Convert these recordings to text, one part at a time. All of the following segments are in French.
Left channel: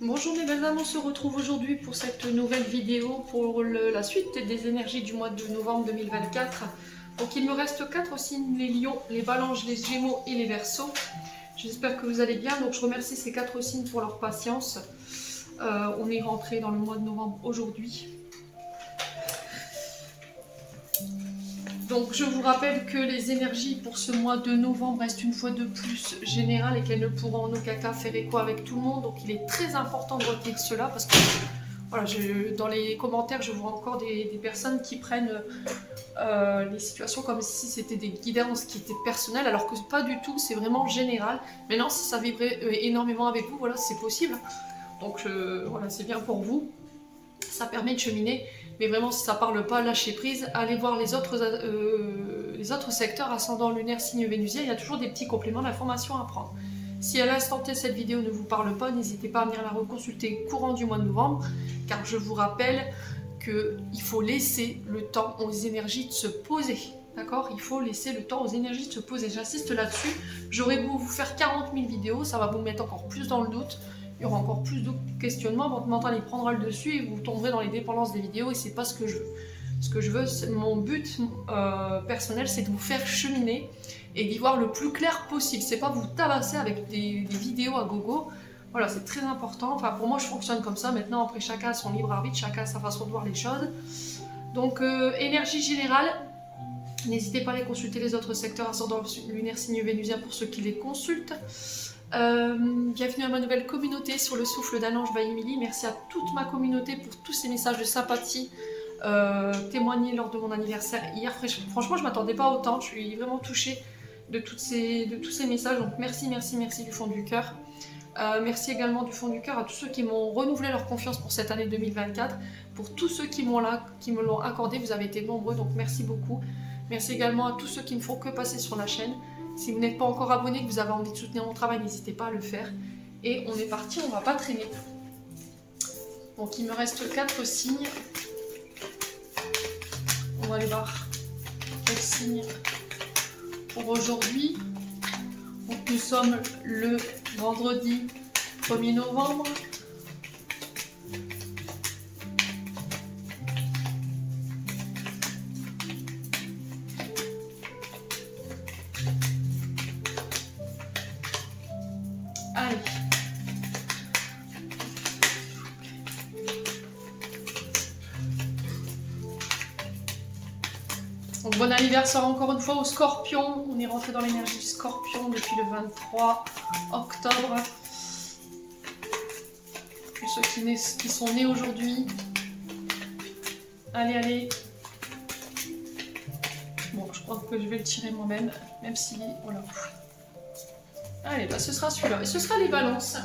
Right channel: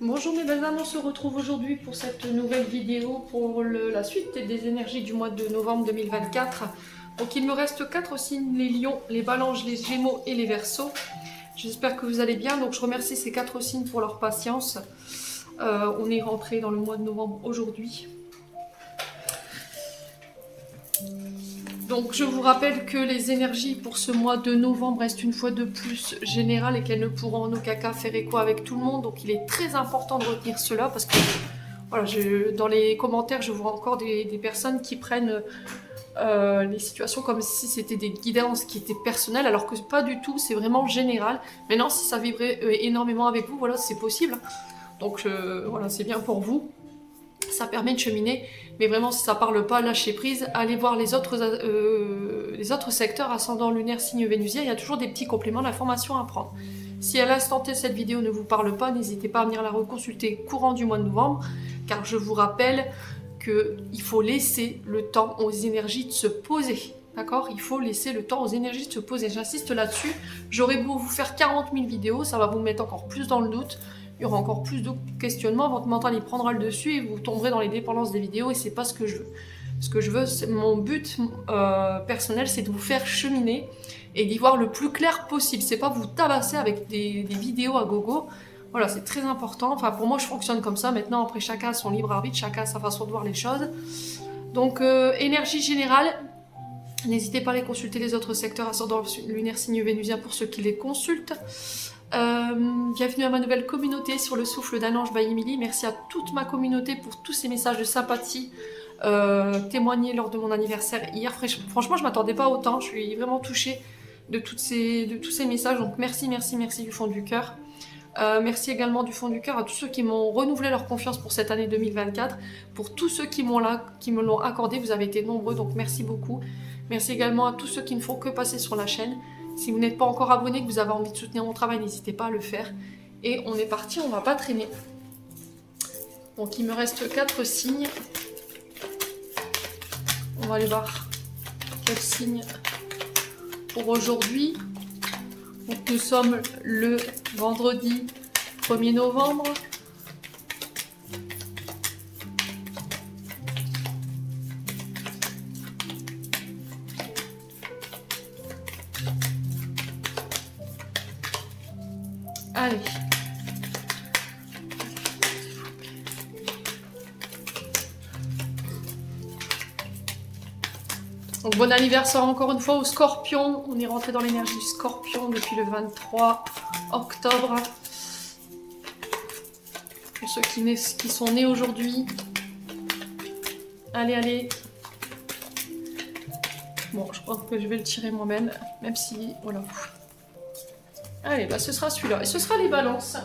Bonjour mes belles âmes, on se retrouve aujourd'hui pour cette nouvelle vidéo pour la suite des énergies du mois de novembre 2024. Donc il me reste 4 signes, les lions, les balances, les gémeaux et les verseaux. J'espère que vous allez bien, donc je remercie ces 4 signes pour leur patience. On est rentré dans le mois de novembre aujourd'hui. Donc je vous rappelle que les énergies pour ce mois de novembre restent une fois de plus générales et qu'elles ne pourront en aucun cas faire écho avec tout le monde. Donc il est très important de retenir cela parce que voilà, dans les commentaires je vois encore des personnes qui prennent les situations comme si c'était des guidances qui étaient personnelles alors que pas du tout, c'est vraiment général. Maintenant si ça vibrait énormément avec vous, voilà, c'est possible. Donc voilà, c'est bien pour vous. Ça permet de cheminer, mais vraiment si ça parle pas, lâchez prise, allez voir les autres secteurs, ascendant lunaire, signe vénusien, il y a toujours des petits compléments d'informations à prendre. Si à l'instant T cette vidéo ne vous parle pas, n'hésitez pas à venir la reconsulter courant du mois de novembre, car je vous rappelle qu'il faut laisser le temps aux énergies de se poser. D'accord ? Il faut laisser le temps aux énergies de se poser. J'insiste là-dessus. J'aurais beau vous faire 40 000 vidéos, ça va vous mettre encore plus dans le doute. Il y aura encore plus de questionnements, votre mental il prendra le dessus et vous tomberez dans les dépendances des vidéos et c'est pas ce que je veux. Ce que je veux, mon but personnel, c'est de vous faire cheminer et d'y voir le plus clair possible. C'est pas vous tabasser avec des vidéos à gogo. Voilà, c'est très important. Enfin, pour moi, je fonctionne comme ça. Maintenant, après, chacun a son libre arbitre, chacun a sa façon de voir les choses. Donc, énergie générale. N'hésitez pas à aller consulter les autres secteurs ascendant lunaire, signe vénusien pour ceux qui les consultent. Bienvenue à ma nouvelle communauté sur le souffle d'un ange by Emily. Merci à toute ma communauté pour tous ces messages de sympathie témoignés lors de mon anniversaire hier. Franchement, je ne m'attendais pas autant. Je suis vraiment touchée de tous ces messages. Donc merci du fond du cœur. Merci également du fond du cœur à tous ceux qui m'ont renouvelé leur confiance pour cette année 2024. Pour tous ceux qui me l'ont accordé, vous avez été nombreux, donc merci beaucoup. Merci également à tous ceux qui ne font que passer sur la chaîne. Si vous n'êtes pas encore abonné, que vous avez envie de soutenir mon travail, n'hésitez pas à le faire. Et on est parti, on ne va pas traîner. Donc il me reste 4 signes. On va aller voir quels signes pour aujourd'hui. Donc nous sommes le vendredi 1er novembre. Allez. Donc bon anniversaire encore une fois au Scorpion. On est rentré dans l'énergie du Scorpion depuis le 23 octobre. Pour ceux qui sont nés aujourd'hui. Allez, allez. Bon, je crois que je vais le tirer moi-même, même si... Voilà. Allez, bah ce sera celui-là. Et ce sera les balances.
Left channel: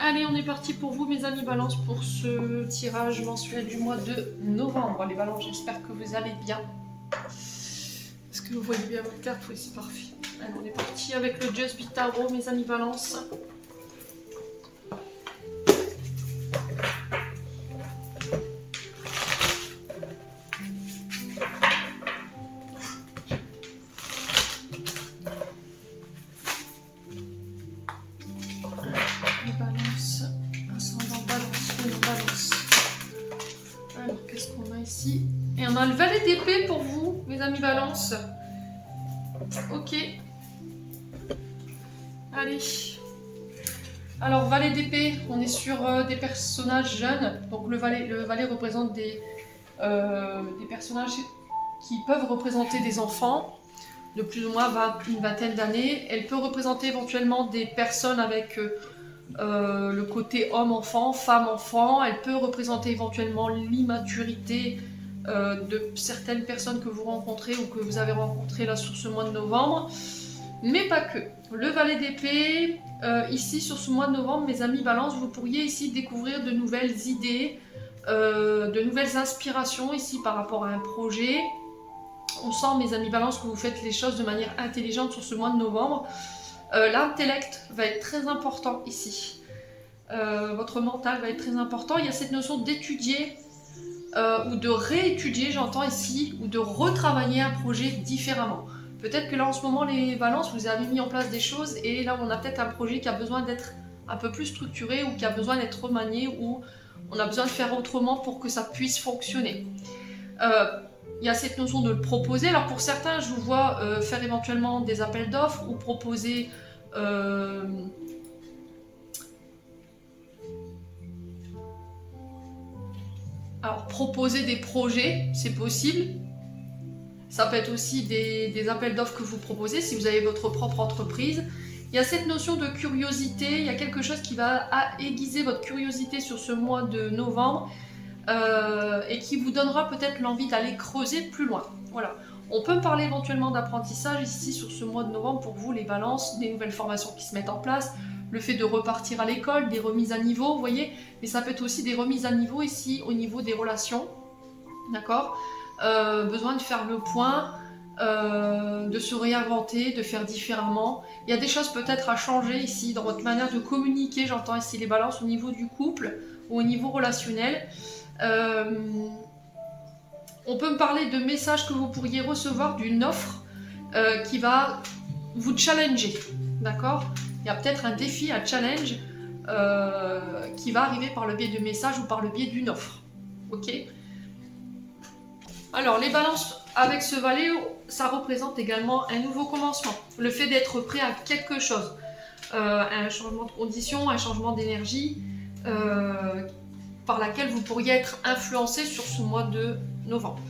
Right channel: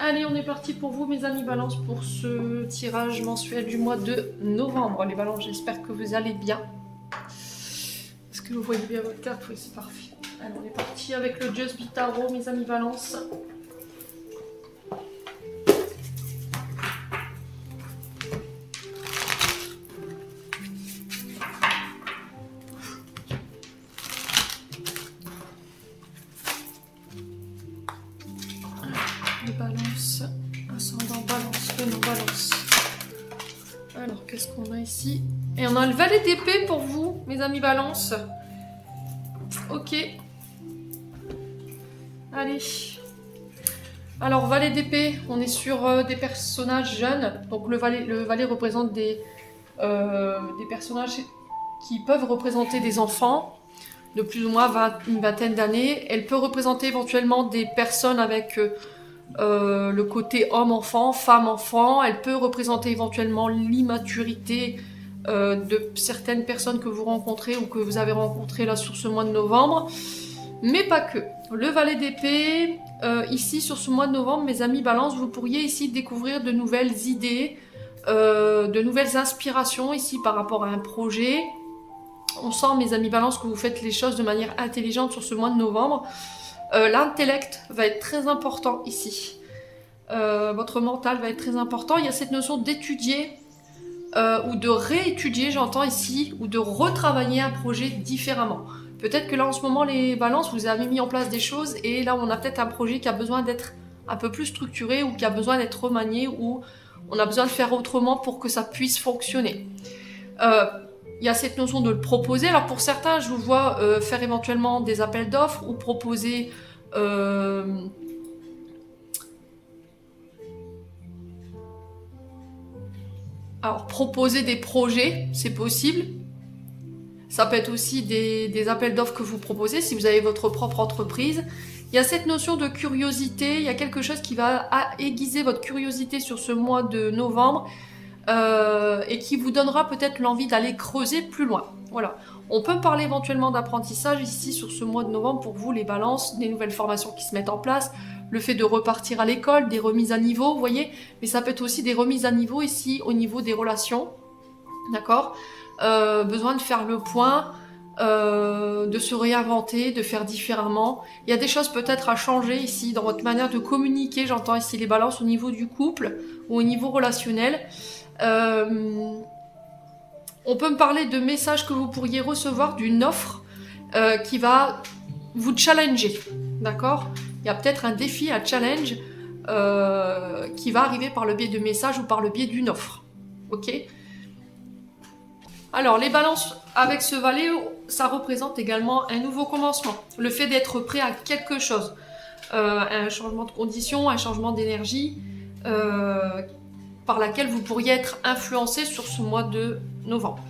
Allez, on est parti pour vous, mes amis balances, pour ce tirage mensuel du mois de novembre. Les balances, j'espère que vous allez bien. Est-ce que vous voyez bien votre carte? Oui, c'est parfait. Allez, on est parti avec le Just Be Tarot, mes amis balances. Les balances, ascendant balance, non balance. Alors, qu'est-ce qu'on a ici? Et on a le valet d'épée pour vous, mes amis balance. Ok. Allez. Alors, valet d'épée, on est sur des personnages jeunes. Donc, le valet représente des personnages qui peuvent représenter des enfants de plus ou moins une vingtaine d'années. Elle peut représenter éventuellement des personnes avec... le côté homme-enfant, femme-enfant. Elle peut représenter éventuellement l'immaturité de certaines personnes que vous rencontrez ou que vous avez rencontrées là sur ce mois de novembre, mais pas que. Le valet d'épée, ici sur ce mois de novembre, mes amis balance, vous pourriez ici découvrir de nouvelles idées, de nouvelles inspirations ici par rapport à un projet. On sent, mes amis balance, que vous faites les choses de manière intelligente sur ce mois de novembre. L'intellect va être très important ici. Votre mental va être très important. Il y a cette notion d'étudier ou de réétudier, j'entends ici, ou de retravailler un projet différemment. Peut-être que là, en ce moment, les balances, vous avez mis en place des choses et là, on a peut-être un projet qui a besoin d'être un peu plus structuré ou qui a besoin d'être remanié ou on a besoin de faire autrement pour que ça puisse fonctionner. Il y a cette notion de le proposer. Alors pour certains, je vous vois faire éventuellement des appels d'offres ou proposer proposer des projets, c'est possible. Ça peut être aussi des appels d'offres que vous proposez si vous avez votre propre entreprise. Il y a cette notion de curiosité, il y a quelque chose qui va aiguiser votre curiosité sur ce mois de novembre et qui vous donnera peut-être l'envie d'aller creuser plus loin. Voilà. On peut parler éventuellement d'apprentissage ici sur ce mois de novembre pour vous, les balances, des nouvelles formations qui se mettent en place, le fait de repartir à l'école, des remises à niveau, vous voyez, mais ça peut être aussi des remises à niveau ici au niveau des relations, d'accord, besoin de faire le point, de se réinventer, de faire différemment. Il y a des choses peut-être à changer ici dans votre manière de communiquer, j'entends ici les balances au niveau du couple ou au niveau relationnel. On peut me parler de messages que vous pourriez recevoir d'une offre qui va vous challenger, d'accord? Il y a peut-être un défi, un challenge qui va arriver par le biais de messages ou par le biais d'une offre, ok? Alors, les balances avec ce valet, ça représente également un nouveau commencement. Le fait d'être prêt à quelque chose. Un changement de conditions, un changement d'énergie par laquelle vous pourriez être influencé sur ce mois de novembre.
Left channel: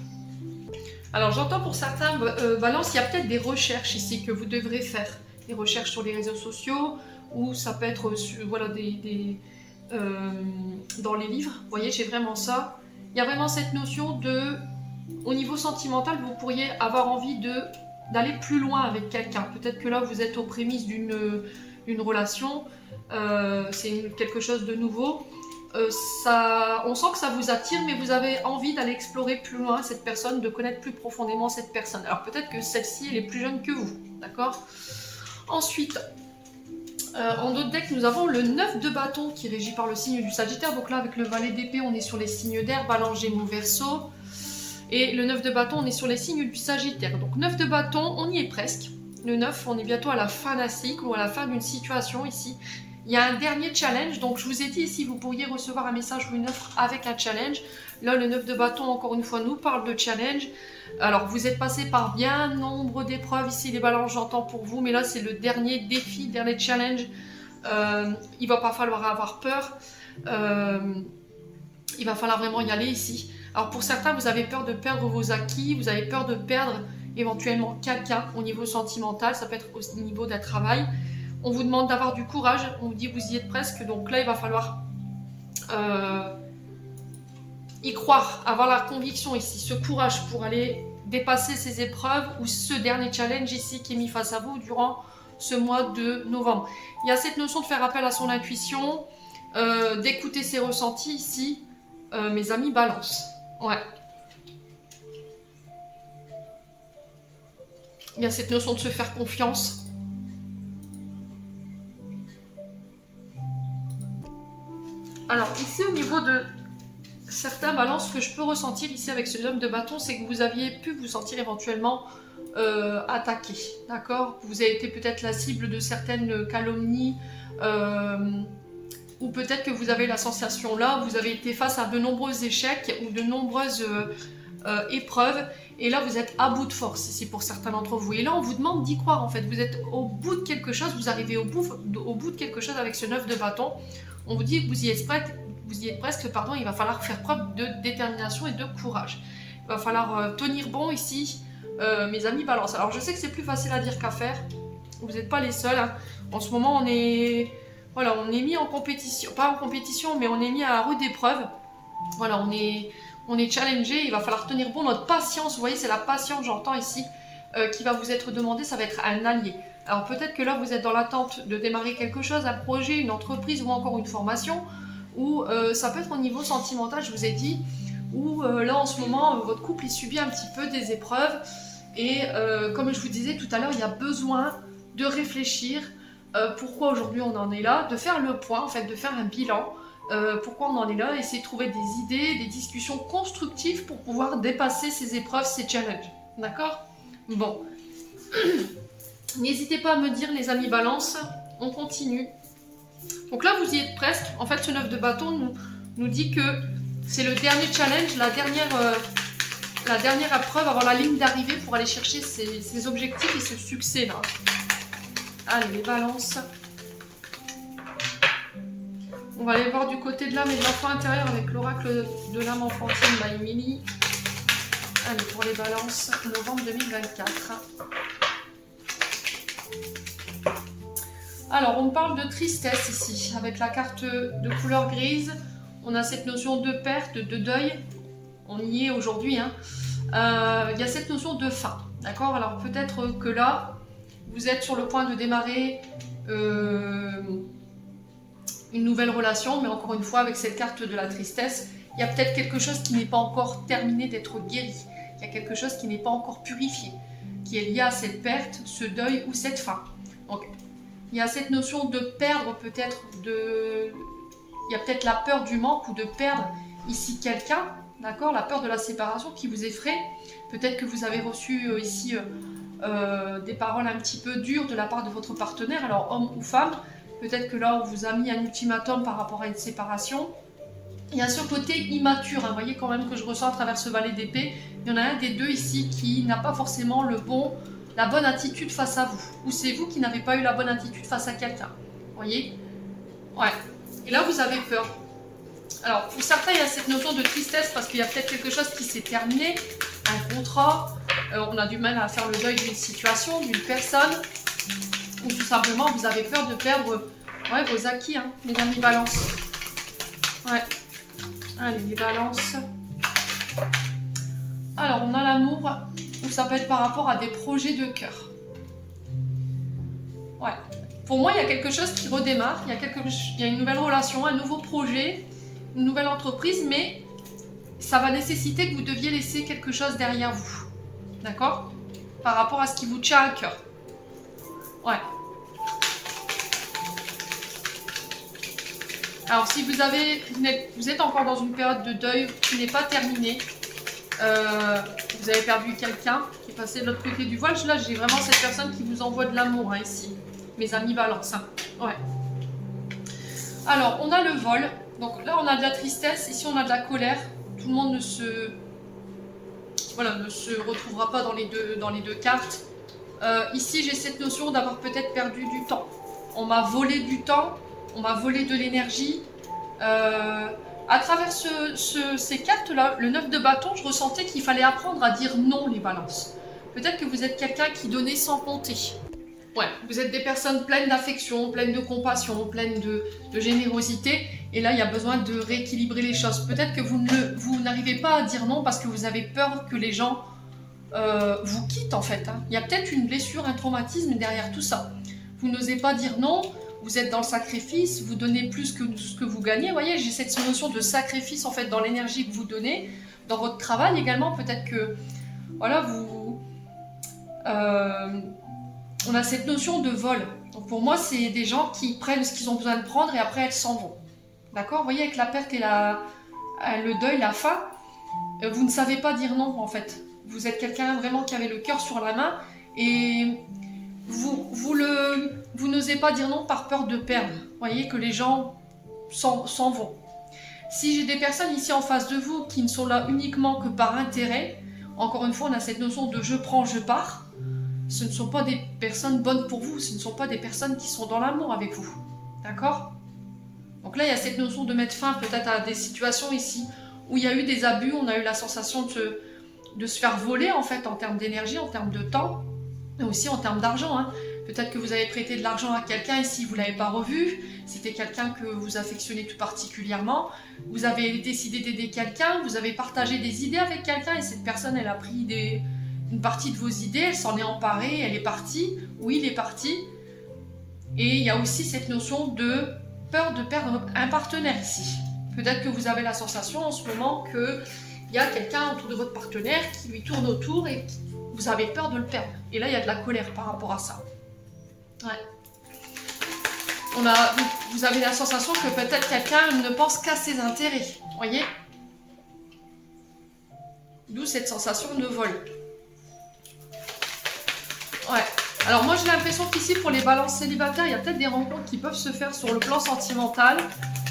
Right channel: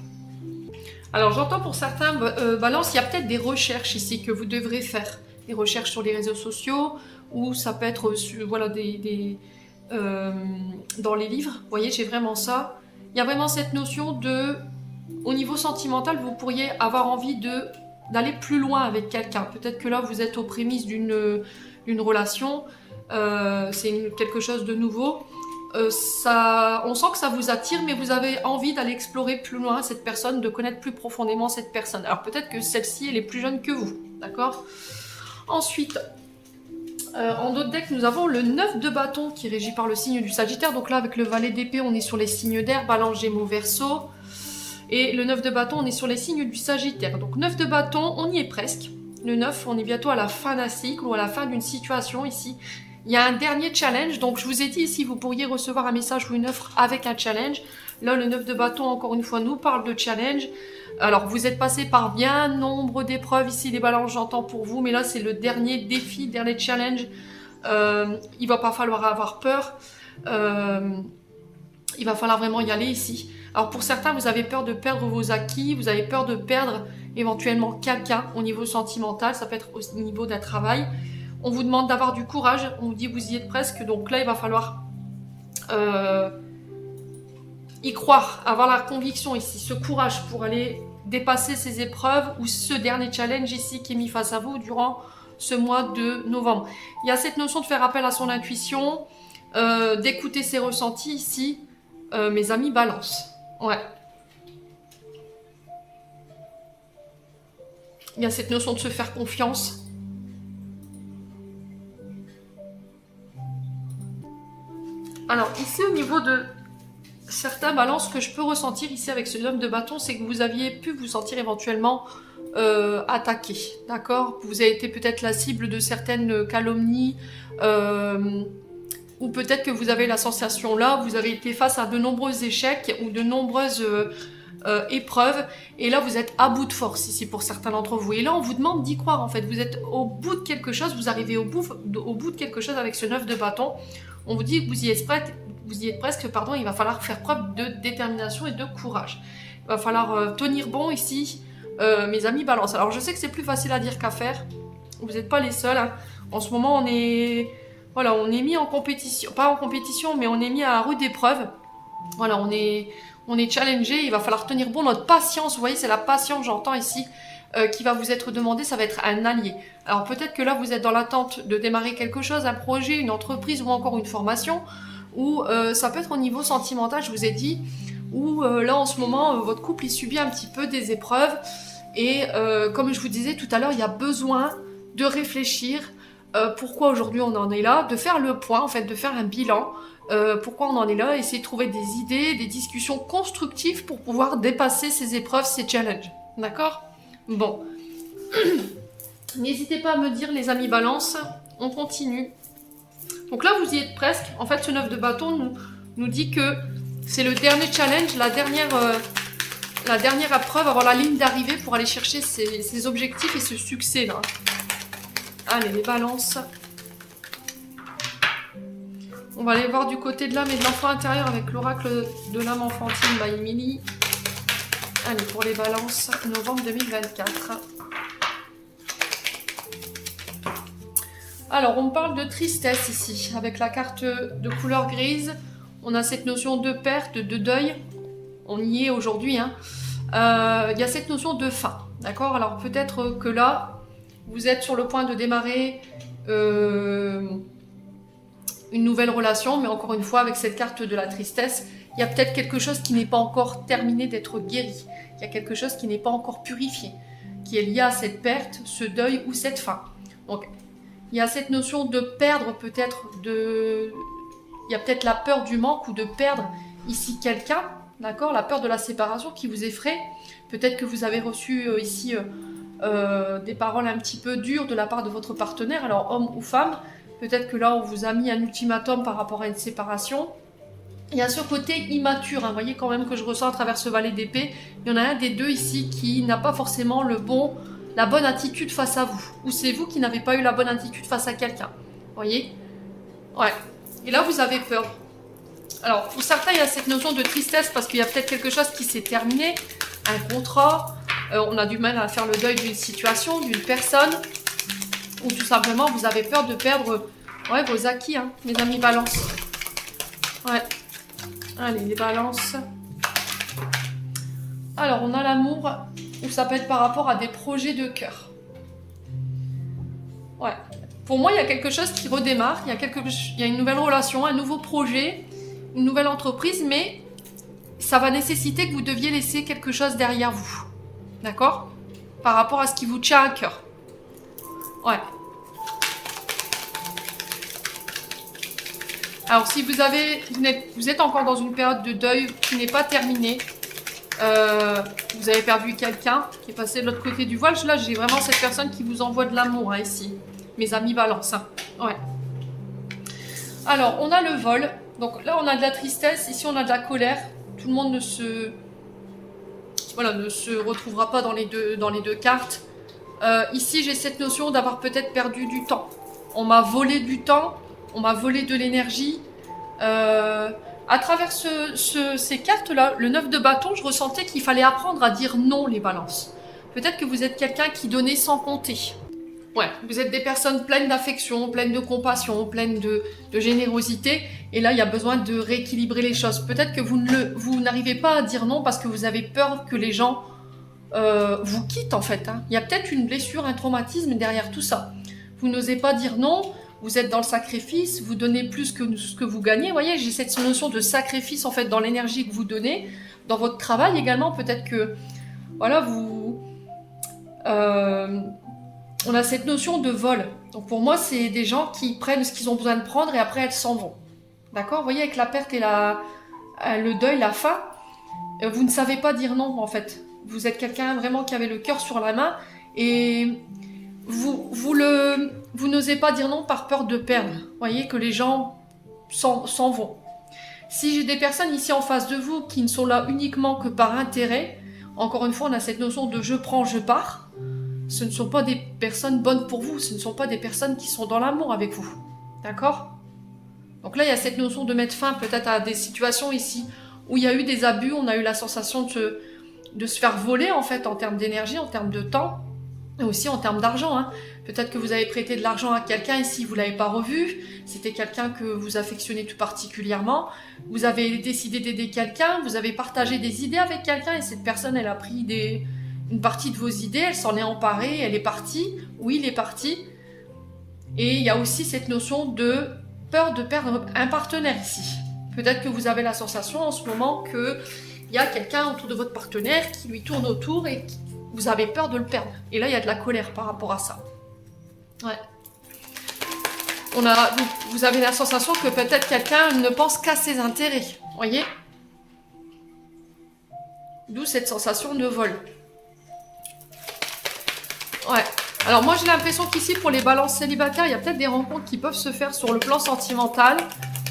Alors, j'entends pour certains balances, il y a peut-être des recherches ici que vous devrez faire. Des recherches sur les réseaux sociaux ou ça peut être voilà, dans les livres. Vous voyez, j'ai vraiment ça. Il y a vraiment cette notion de... Au niveau sentimental, vous pourriez avoir envie d'aller plus loin avec quelqu'un. Peut-être que là, vous êtes aux prémices d'une relation. C'est quelque chose de nouveau. On sent que ça vous attire, mais vous avez envie d'aller explorer plus loin cette personne, de connaître plus profondément cette personne. Alors peut-être que celle-ci, elle est plus jeune que vous. D'accord ? Ensuite, en d'autres decks, nous avons le 9 de bâton qui est régi par le signe du Sagittaire. Donc là, avec le valet d'épée, on est sur les signes d'air, Balance, Gémeaux, Verseau. Et le 9 de bâton, on est sur les signes du Sagittaire. Donc 9 de bâton, on y est presque. Le 9, on est bientôt à la fin d'un cycle ou à la fin d'une situation ici. Il y a un dernier challenge. Donc je vous ai dit ici, vous pourriez recevoir un message ou une offre avec un challenge. Là, le 9 de bâton, encore une fois, nous parle de challenge. Alors, vous êtes passé par bien nombre d'épreuves ici, les balances, j'entends pour vous. Mais là, c'est le dernier défi, dernier challenge. Il ne va pas falloir avoir peur. Il va falloir vraiment y aller ici. Alors pour certains, vous avez peur de perdre vos acquis, vous avez peur de perdre éventuellement quelqu'un au niveau sentimental, ça peut être au niveau d'un travail. On vous demande d'avoir du courage, on vous dit que vous y êtes presque, donc là il va falloir y croire, avoir la conviction ici, ce courage pour aller dépasser ces épreuves ou ce dernier challenge ici qui est mis face à vous durant ce mois de novembre. Il y a cette notion de faire appel à son intuition, d'écouter ses ressentis ici, mes amis balance. Ouais. Il y a cette notion de se faire confiance. Alors ici au niveau de certains balances que je peux ressentir ici avec ce homme de bâton, c'est que vous aviez pu vous sentir éventuellement attaqué, d'accord? Vous avez été peut-être la cible de certaines calomnies ou peut-être que vous avez la sensation là, vous avez été face à de nombreux échecs ou de nombreuses épreuves, et là vous êtes à bout de force ici pour certains d'entre vous. Et là on vous demande d'y croire en fait, vous êtes au bout de quelque chose, vous arrivez au bout de quelque chose avec ce 9 de bâton. On vous dit que vous y êtes presque, pardon, il va falloir faire preuve de détermination et de courage. Il va falloir tenir bon ici, mes amis balance. Alors je sais que c'est plus facile à dire qu'à faire, vous n'êtes pas les seuls, hein. En ce moment on est... Voilà, on est mis en compétition, pas en compétition, mais on est mis à la rude épreuve. Voilà, on est challengé, il va falloir tenir bon. Notre patience, vous voyez, c'est la patience, j'entends ici, qui va vous être demandée, ça va être un allié. Alors peut-être que là, vous êtes dans l'attente de démarrer quelque chose, un projet, une entreprise ou encore une formation, ou ça peut être au niveau sentimental, je vous ai dit, où là, en ce moment, votre couple, il subit un petit peu des épreuves. Et comme je vous disais tout à l'heure, il y a besoin de réfléchir pourquoi aujourd'hui on en est là, de faire le point, en fait, de faire un bilan, pourquoi on en est là, essayer de trouver des idées, des discussions constructives pour pouvoir dépasser ces épreuves, ces challenges. D'accord ? Bon. N'hésitez pas à me dire, les amis balance, on continue. Donc là, vous y êtes presque. En fait, ce 9 de bâton nous dit que c'est le dernier challenge, la dernière épreuve avant la ligne d'arrivée pour aller chercher ses objectifs et ce succès-là. Allez, les balances. On va aller voir du côté de l'âme et de l'enfant intérieur avec l'oracle de l'âme enfantine by Emily. Allez, pour les balances, novembre 2024. Alors, on parle de tristesse ici. Avec la carte de couleur grise, on a cette notion de perte, de deuil. On y est aujourd'hui. Hein. Il y a cette notion de fin. D'accord? Alors, peut-être que là, vous êtes sur le point de démarrer une nouvelle relation, mais encore une fois, avec cette carte de la tristesse, il y a peut-être quelque chose qui n'est pas encore terminé d'être guéri. Il y a quelque chose qui n'est pas encore purifié, qui est lié à cette perte, ce deuil ou cette fin. Donc, il y a cette notion de perdre peut-être, il y a peut-être la peur du manque ou de perdre ici quelqu'un, d'accord? La peur de la séparation qui vous effraie. Peut-être que vous avez reçu ici des paroles un petit peu dures de la part de votre partenaire, alors homme ou femme. Peut-être que là, on vous a mis un ultimatum par rapport à une séparation. Il y a ce côté immature, hein. Vous voyez quand même que je ressens à travers ce valet d'épée. Il y en a un des deux ici qui n'a pas forcément la bonne attitude face à vous. Ou c'est vous qui n'avez pas eu la bonne attitude face à quelqu'un. Vous voyez? Ouais. Et là, vous avez peur. Alors, pour certains, il y a cette notion de tristesse parce qu'il y a peut-être quelque chose qui s'est terminé. Un contrat. On a du mal à faire le deuil d'une situation, d'une personne. Ou tout simplement, vous avez peur de perdre vos acquis, hein, mes amis balance. Ouais. Allez, les balances. Alors, on a l'amour, où ça peut être par rapport à des projets de cœur. Ouais. Pour moi, il y a quelque chose qui redémarre. Il y a une nouvelle relation, un nouveau projet, une nouvelle entreprise, mais ça va nécessiter que vous deviez laisser quelque chose derrière vous. D'accord? Par rapport à ce qui vous tient à cœur. Ouais. Alors, si vous êtes encore dans une période de deuil qui n'est pas terminée, vous avez perdu quelqu'un qui est passé de l'autre côté du voile. Là, j'ai vraiment cette personne qui vous envoie de l'amour, hein, ici. Mes amis balance. Hein. Ouais. Alors, on a le vol. Donc là, on a de la tristesse. Ici, on a de la colère. Tout le monde ne se retrouvera pas dans les deux cartes. Ici, j'ai cette notion d'avoir peut-être perdu du temps. On m'a volé du temps. On m'a volé de l'énergie. À travers ces cartes-là, le 9 de bâton, je ressentais qu'il fallait apprendre à dire non, les balances. Peut-être que vous êtes quelqu'un qui donnait sans compter. Ouais, vous êtes des personnes pleines d'affection, pleines de compassion, pleines de générosité. Et là, il y a besoin de rééquilibrer les choses. Peut-être que vous n'arrivez pas à dire non parce que vous avez peur que les gens vous quittent, en fait. Hein. Il y a peut-être une blessure, un traumatisme derrière tout ça. Vous n'osez pas dire non. Vous êtes dans le sacrifice, vous donnez plus que ce que vous gagnez. Vous voyez, j'ai cette notion de sacrifice en fait dans l'énergie que vous donnez, dans votre travail également. Peut-être que, voilà, on a cette notion de vol. Donc pour moi, c'est des gens qui prennent ce qu'ils ont besoin de prendre et après elles s'en vont. D'accord? Vous voyez, avec la perte et le deuil, la fin, vous ne savez pas dire non en fait. Vous êtes quelqu'un vraiment qui avait le cœur sur la main et vous n'osez pas dire non par peur de perdre. Vous voyez que les gens s'en vont. Si j'ai des personnes ici en face de vous qui ne sont là uniquement que par intérêt, encore une fois, on a cette notion de je prends, je pars. Ce ne sont pas des personnes bonnes pour vous, ce ne sont pas des personnes qui sont dans l'amour avec vous. D'accord? Donc là, il y a cette notion de mettre fin peut-être à des situations ici où il y a eu des abus, on a eu la sensation de se faire voler en fait en termes d'énergie, en termes de temps. Et aussi en termes d'argent. Hein. Peut-être que vous avez prêté de l'argent à quelqu'un ici, vous ne l'avez pas revu. C'était quelqu'un que vous affectionnez tout particulièrement. Vous avez décidé d'aider quelqu'un, vous avez partagé des idées avec quelqu'un et cette personne, elle a pris une partie de vos idées, elle s'en est emparée, elle est partie, ou il est parti. Et il y a aussi cette notion de peur de perdre un partenaire ici. Peut-être que vous avez la sensation en ce moment qu'il y a quelqu'un autour de votre partenaire qui lui tourne autour et vous avez peur de le perdre. Et là, il y a de la colère par rapport à ça. Ouais. Vous avez la sensation que peut-être quelqu'un ne pense qu'à ses intérêts. Voyez? D'où cette sensation de vol. Ouais. Alors moi j'ai l'impression qu'ici pour les balances célibataires, il y a peut-être des rencontres qui peuvent se faire sur le plan sentimental.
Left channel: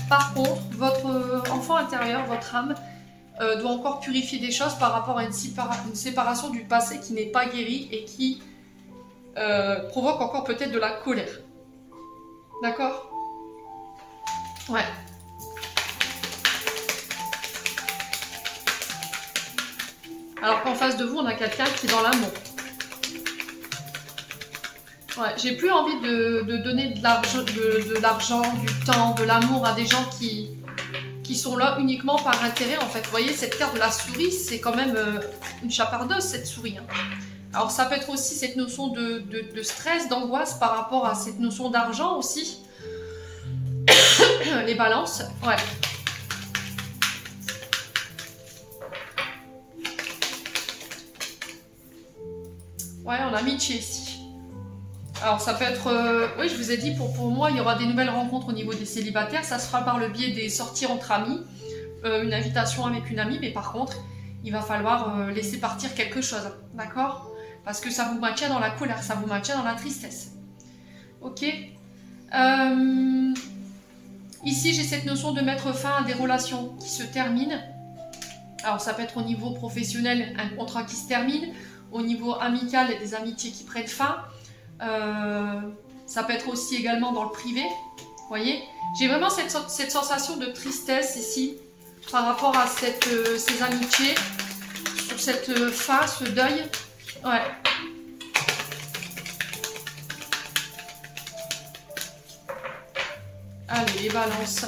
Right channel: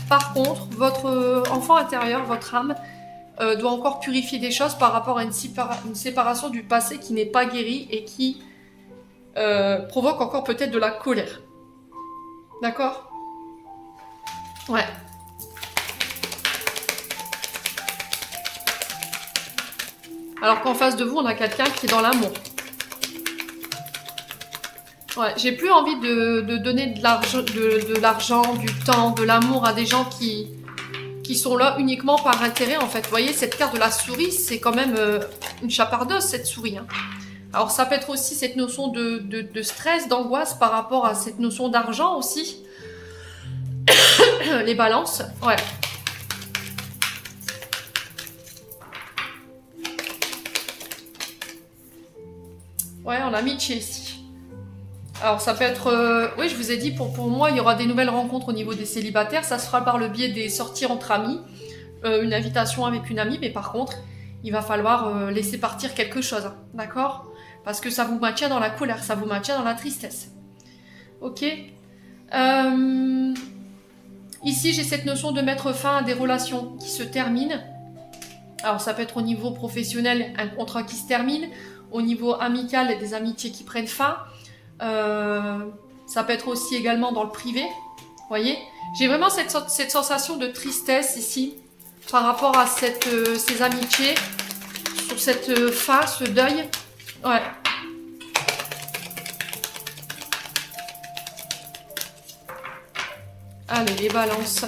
Par contre, votre enfant intérieur, votre âme, doit encore purifier des choses par rapport à une séparation du passé qui n'est pas guérie et qui provoque encore peut-être de la colère. D'accord? Ouais. Alors qu'en face de vous, on a quelqu'un qui est dans l'amour. Ouais, j'ai plus envie de donner de l'argent, du temps, de l'amour à des gens qui sont là uniquement par intérêt en fait. Vous voyez, cette carte de la souris, c'est quand même une chapardeuse cette souris. Hein. Alors ça peut être aussi cette notion de stress, d'angoisse par rapport à cette notion d'argent aussi. Les balances, ouais. Ouais, on a Mitch ici. Alors ça peut être... oui, je vous ai dit, pour moi, il y aura des nouvelles rencontres au niveau des célibataires. Ça se fera par le biais des sorties entre amis. Une invitation avec une amie, mais par contre, il va falloir laisser partir quelque chose. Hein, d'accord? Parce que ça vous maintient dans la colère, ça vous maintient dans la tristesse. Ok. Ici, j'ai cette notion de mettre fin à des relations qui se terminent. Alors ça peut être au niveau professionnel, un contrat qui se termine. Au niveau amical, des amitiés qui prennent fin. Ça peut être aussi également dans le privé. Vous voyez, j'ai vraiment cette sensation de tristesse ici par rapport à ces amitiés, sur cette fin, ce deuil. Ouais. Allez, les balances.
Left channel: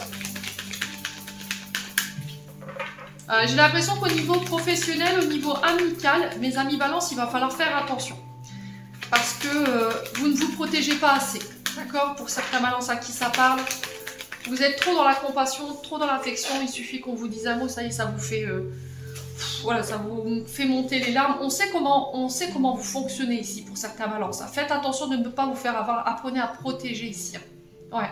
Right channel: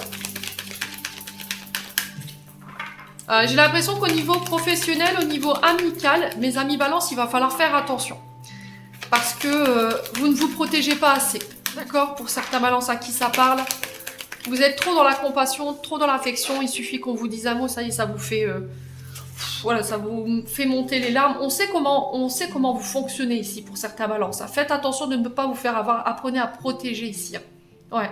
J'ai l'impression qu'au niveau professionnel, au niveau amical, mes amis balance, il va falloir faire attention. Parce que vous ne vous protégez pas assez. D'accord? Pour certains balances à qui ça parle. Vous êtes trop dans la compassion, trop dans l'affection. Il suffit qu'on vous dise un mot, ça y est, ça vous fait... voilà, ça vous fait monter les larmes. On sait comment vous fonctionnez ici pour certains balances. Faites attention de ne pas vous faire avoir. Apprenez à protéger ici. Ouais.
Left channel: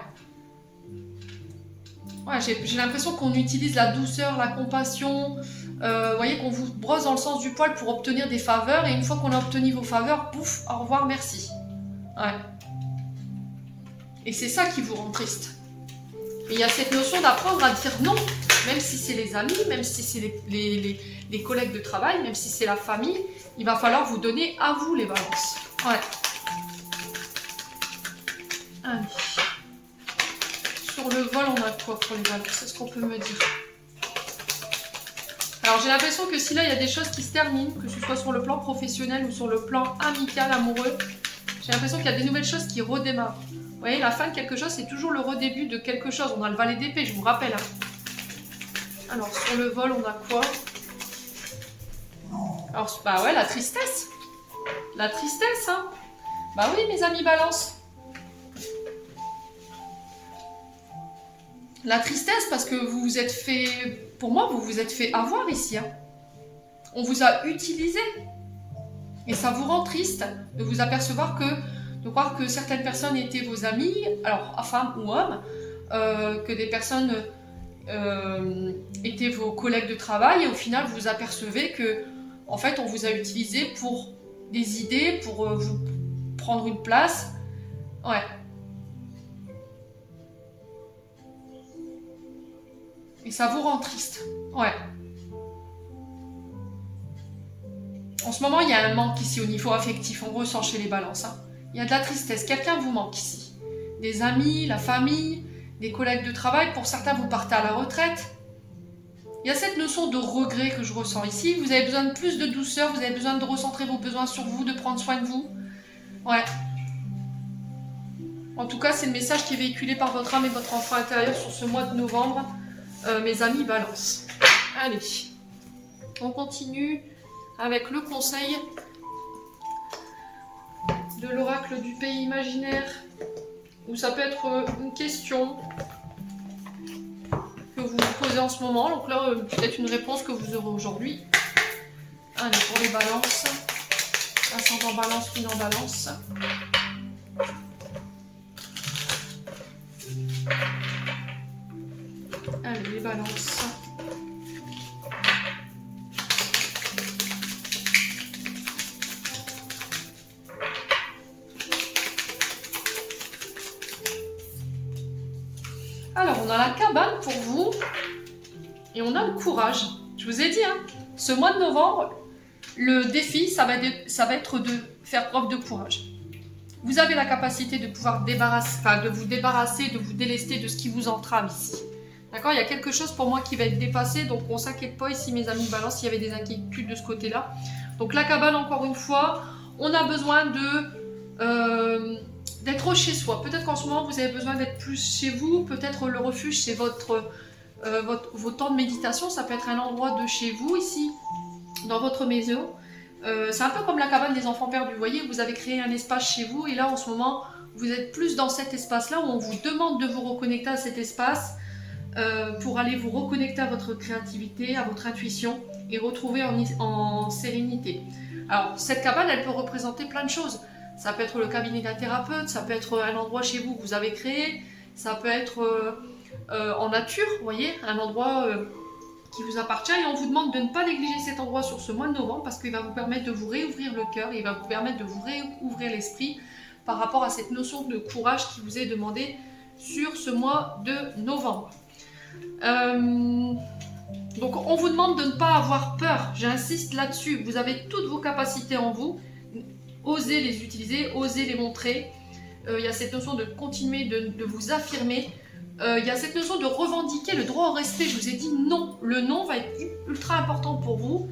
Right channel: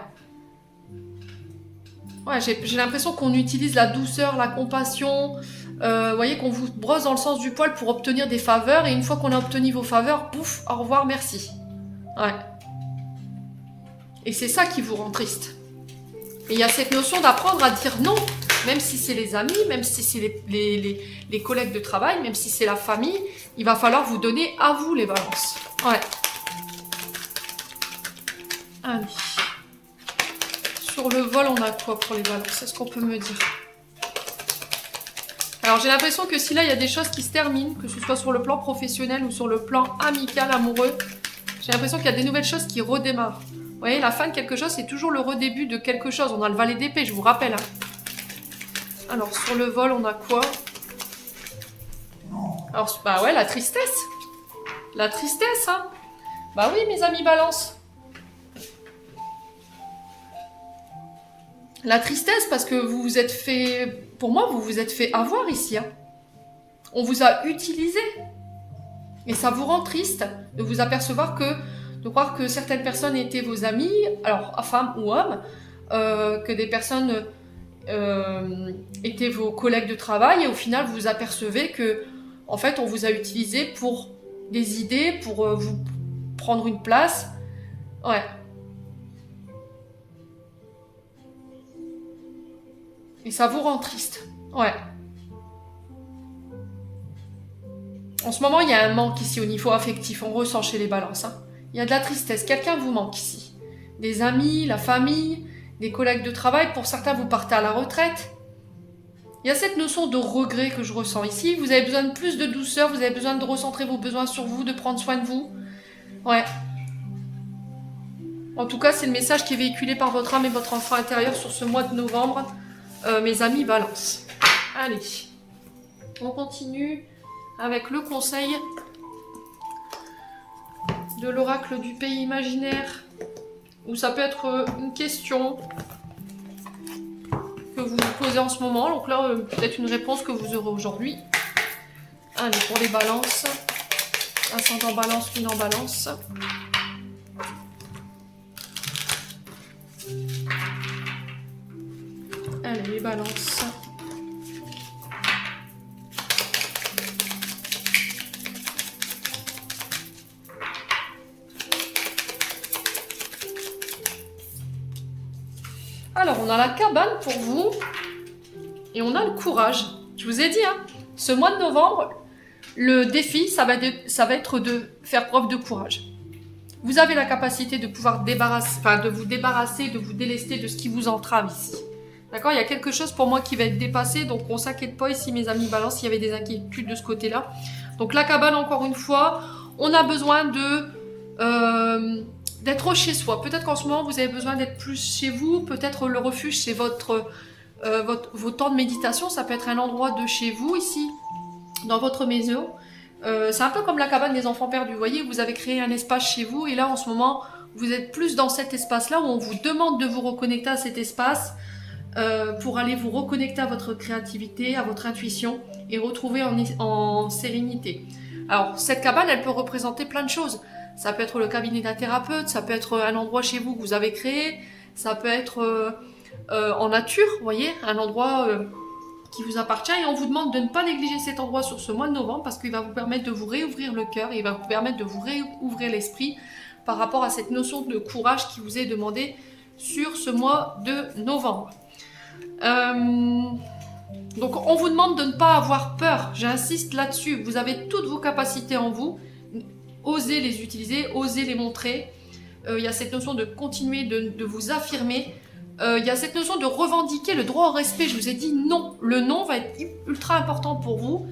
Ouais, j'ai l'impression qu'on utilise la douceur, la compassion. Vous voyez qu'on vous brosse dans le sens du poil pour obtenir des faveurs. Et une fois qu'on a obtenu vos faveurs, pouf, au revoir, merci. Ouais. Et c'est ça qui vous rend triste. Et il y a cette notion d'apprendre à dire non, même si c'est les amis, même si c'est les collègues de travail, même si c'est la famille, il va falloir vous donner à vous les balances. Ouais. Allez. Sur le vol, on a quoi pour les balances? Est-ce qu'on peut me dire? Alors j'ai l'impression que si là il y a des choses qui se terminent, que ce soit sur le plan professionnel ou sur le plan amical, amoureux, j'ai l'impression qu'il y a des nouvelles choses qui redémarrent. Vous voyez, la fin de quelque chose, c'est toujours le redébut de quelque chose. On a le valet d'épée, je vous rappelle. Hein. Alors sur le vol, on a quoi? Alors, bah ouais, la tristesse. La tristesse, hein. Bah oui, mes amis balance. La tristesse, parce que vous vous êtes fait... Pour moi, vous vous êtes fait avoir ici. Hein. On vous a utilisé. Et ça vous rend triste de vous apercevoir de croire que certaines personnes étaient vos amis, alors femmes ou hommes, que des personnes étaient vos collègues de travail, et au final, vous vous apercevez que, en fait, on vous a utilisé pour des idées, pour vous prendre une place. Ouais. Et ça vous rend triste. Ouais. En ce moment, il y a un manque ici au niveau affectif. On ressent chez les balances. Hein. Il y a de la tristesse. Quelqu'un vous manque ici. Des amis, la famille, des collègues de travail. Pour certains, vous partez à la retraite. Il y a cette notion de regret que je ressens ici. Vous avez besoin de plus de douceur. Vous avez besoin de recentrer vos besoins sur vous, de prendre soin de vous. Ouais. En tout cas, c'est le message qui est véhiculé par votre âme et votre enfant intérieur sur ce mois de novembre. Mes amis balance. Allez. On continue avec le conseil de l'oracle du pays imaginaire, où ça peut être une question que vous vous posez en ce moment. Donc là, peut-être une réponse que vous aurez aujourd'hui. Allez, pour les balances. Ascendant balance, lune en balance. Allez, les balances. Alors, on a la cabane pour vous et on a le courage. Je vous ai dit, hein, ce mois de novembre, le défi, ça va être de faire preuve de courage. Vous avez la capacité de pouvoir vous débarrasser, de vous délester de ce qui vous entrave ici. D'accord? Il y a quelque chose pour moi qui va être dépassé, donc on ne s'inquiète pas ici, mes amis Balance, s'il y avait des inquiétudes de ce côté-là. Donc la cabane, encore une fois, on a besoin d'être chez soi. Peut-être qu'en ce moment, vous avez besoin d'être plus chez vous, peut-être le refuge, c'est vos temps de méditation, ça peut être un endroit de chez vous, ici, dans votre maison. C'est un peu comme la cabane des enfants perdus, vous voyez, vous avez créé un espace chez vous, et là, en ce moment, vous êtes plus dans cet espace-là, où on vous demande de vous reconnecter à cet espace, pour aller vous reconnecter à votre créativité, à votre intuition, et retrouver en sérénité. Alors, cette cabane, elle peut représenter plein de choses. Ça peut être le cabinet d'un thérapeute, ça peut être un endroit chez vous que vous avez créé, ça peut être en nature, vous voyez, un endroit qui vous appartient, et on vous demande de ne pas négliger cet endroit sur ce mois de novembre parce qu'il va vous permettre de vous réouvrir le cœur, il va vous permettre de vous réouvrir l'esprit par rapport à cette notion de courage qui vous est demandée sur ce mois de novembre. Donc on vous demande de ne pas avoir peur, j'insiste là-dessus, vous avez toutes vos capacités en vous, osez les utiliser, osez les montrer. Il y a cette notion de continuer de vous affirmer. Il y a cette notion de revendiquer le droit au respect. Je vous ai dit non. Le non va être ultra important pour vous.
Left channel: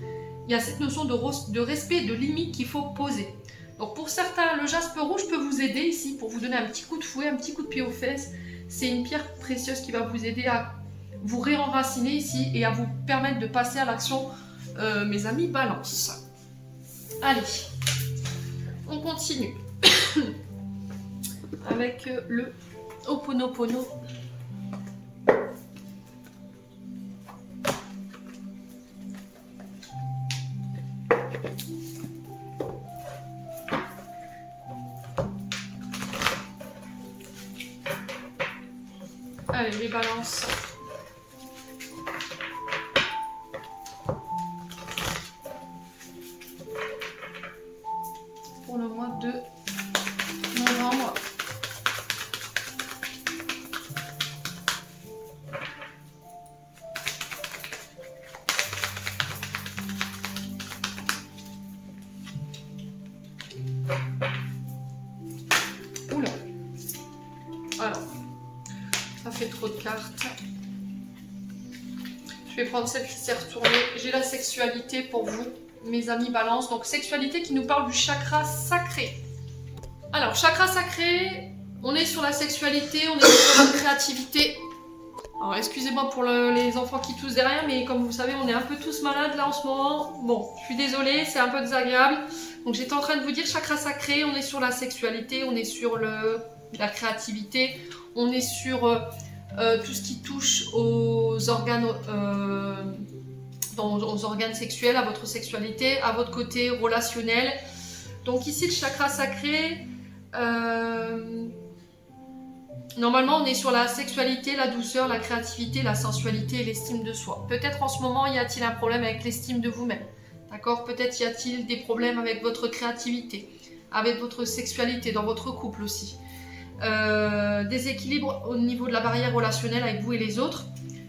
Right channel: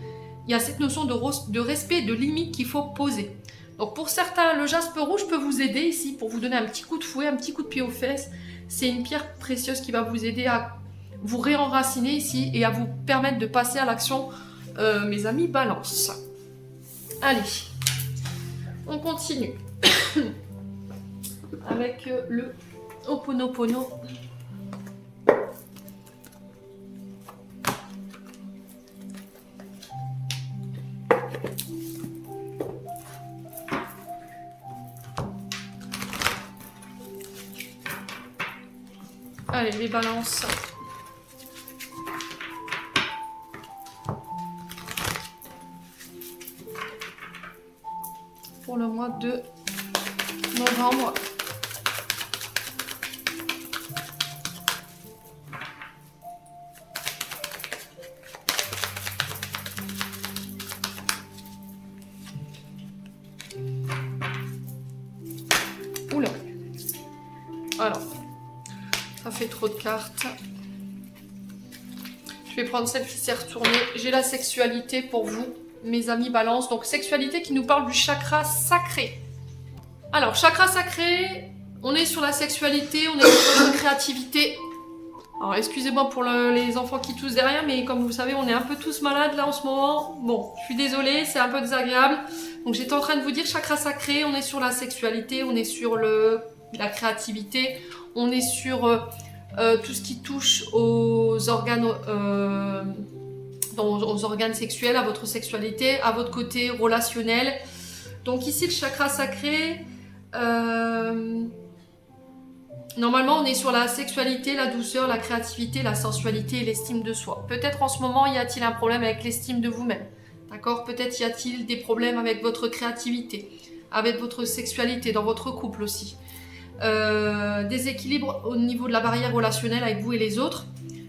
Il y a cette notion de respect, de limite qu'il faut poser. Donc pour certains, le jaspe rouge peut vous aider ici pour vous donner un petit coup de fouet, un petit coup de pied aux fesses. C'est une pierre précieuse qui va vous aider à vous réenraciner ici et à vous permettre de passer à l'action, mes amis Balance. Allez, on continue avec le Ho'oponopono. Allez, les balances. Pour le mois de novembre. Oula. Alors, ça fait trop de cartes. Je vais prendre celle qui s'est retournée. J'ai la sexualité pour vous, mes amis Balance. Donc, sexualité qui nous parle du chakra sacré. Alors, chakra sacré, on est sur la sexualité, on est sur la créativité. Alors, excusez-moi pour les enfants qui toussent derrière, mais comme vous savez, on est un peu tous malades là en ce moment. Bon, je suis désolée, c'est un peu désagréable. Donc, j'étais en train de vous dire chakra sacré, on est sur la sexualité, on est sur la créativité, on est sur tout ce qui touche aux organes, aux organes sexuels, à votre sexualité, à votre côté relationnel. Donc ici, le chakra sacré, normalement, on est sur la sexualité, la douceur, la créativité, la sensualité et l'estime de soi. Peut-être en ce moment, y a-t-il un problème avec l'estime de vous-même? D'accord? Peut-être y a-t-il des problèmes avec votre créativité, avec votre sexualité, dans votre couple aussi. Déséquilibre au niveau de la barrière relationnelle avec vous et les autres,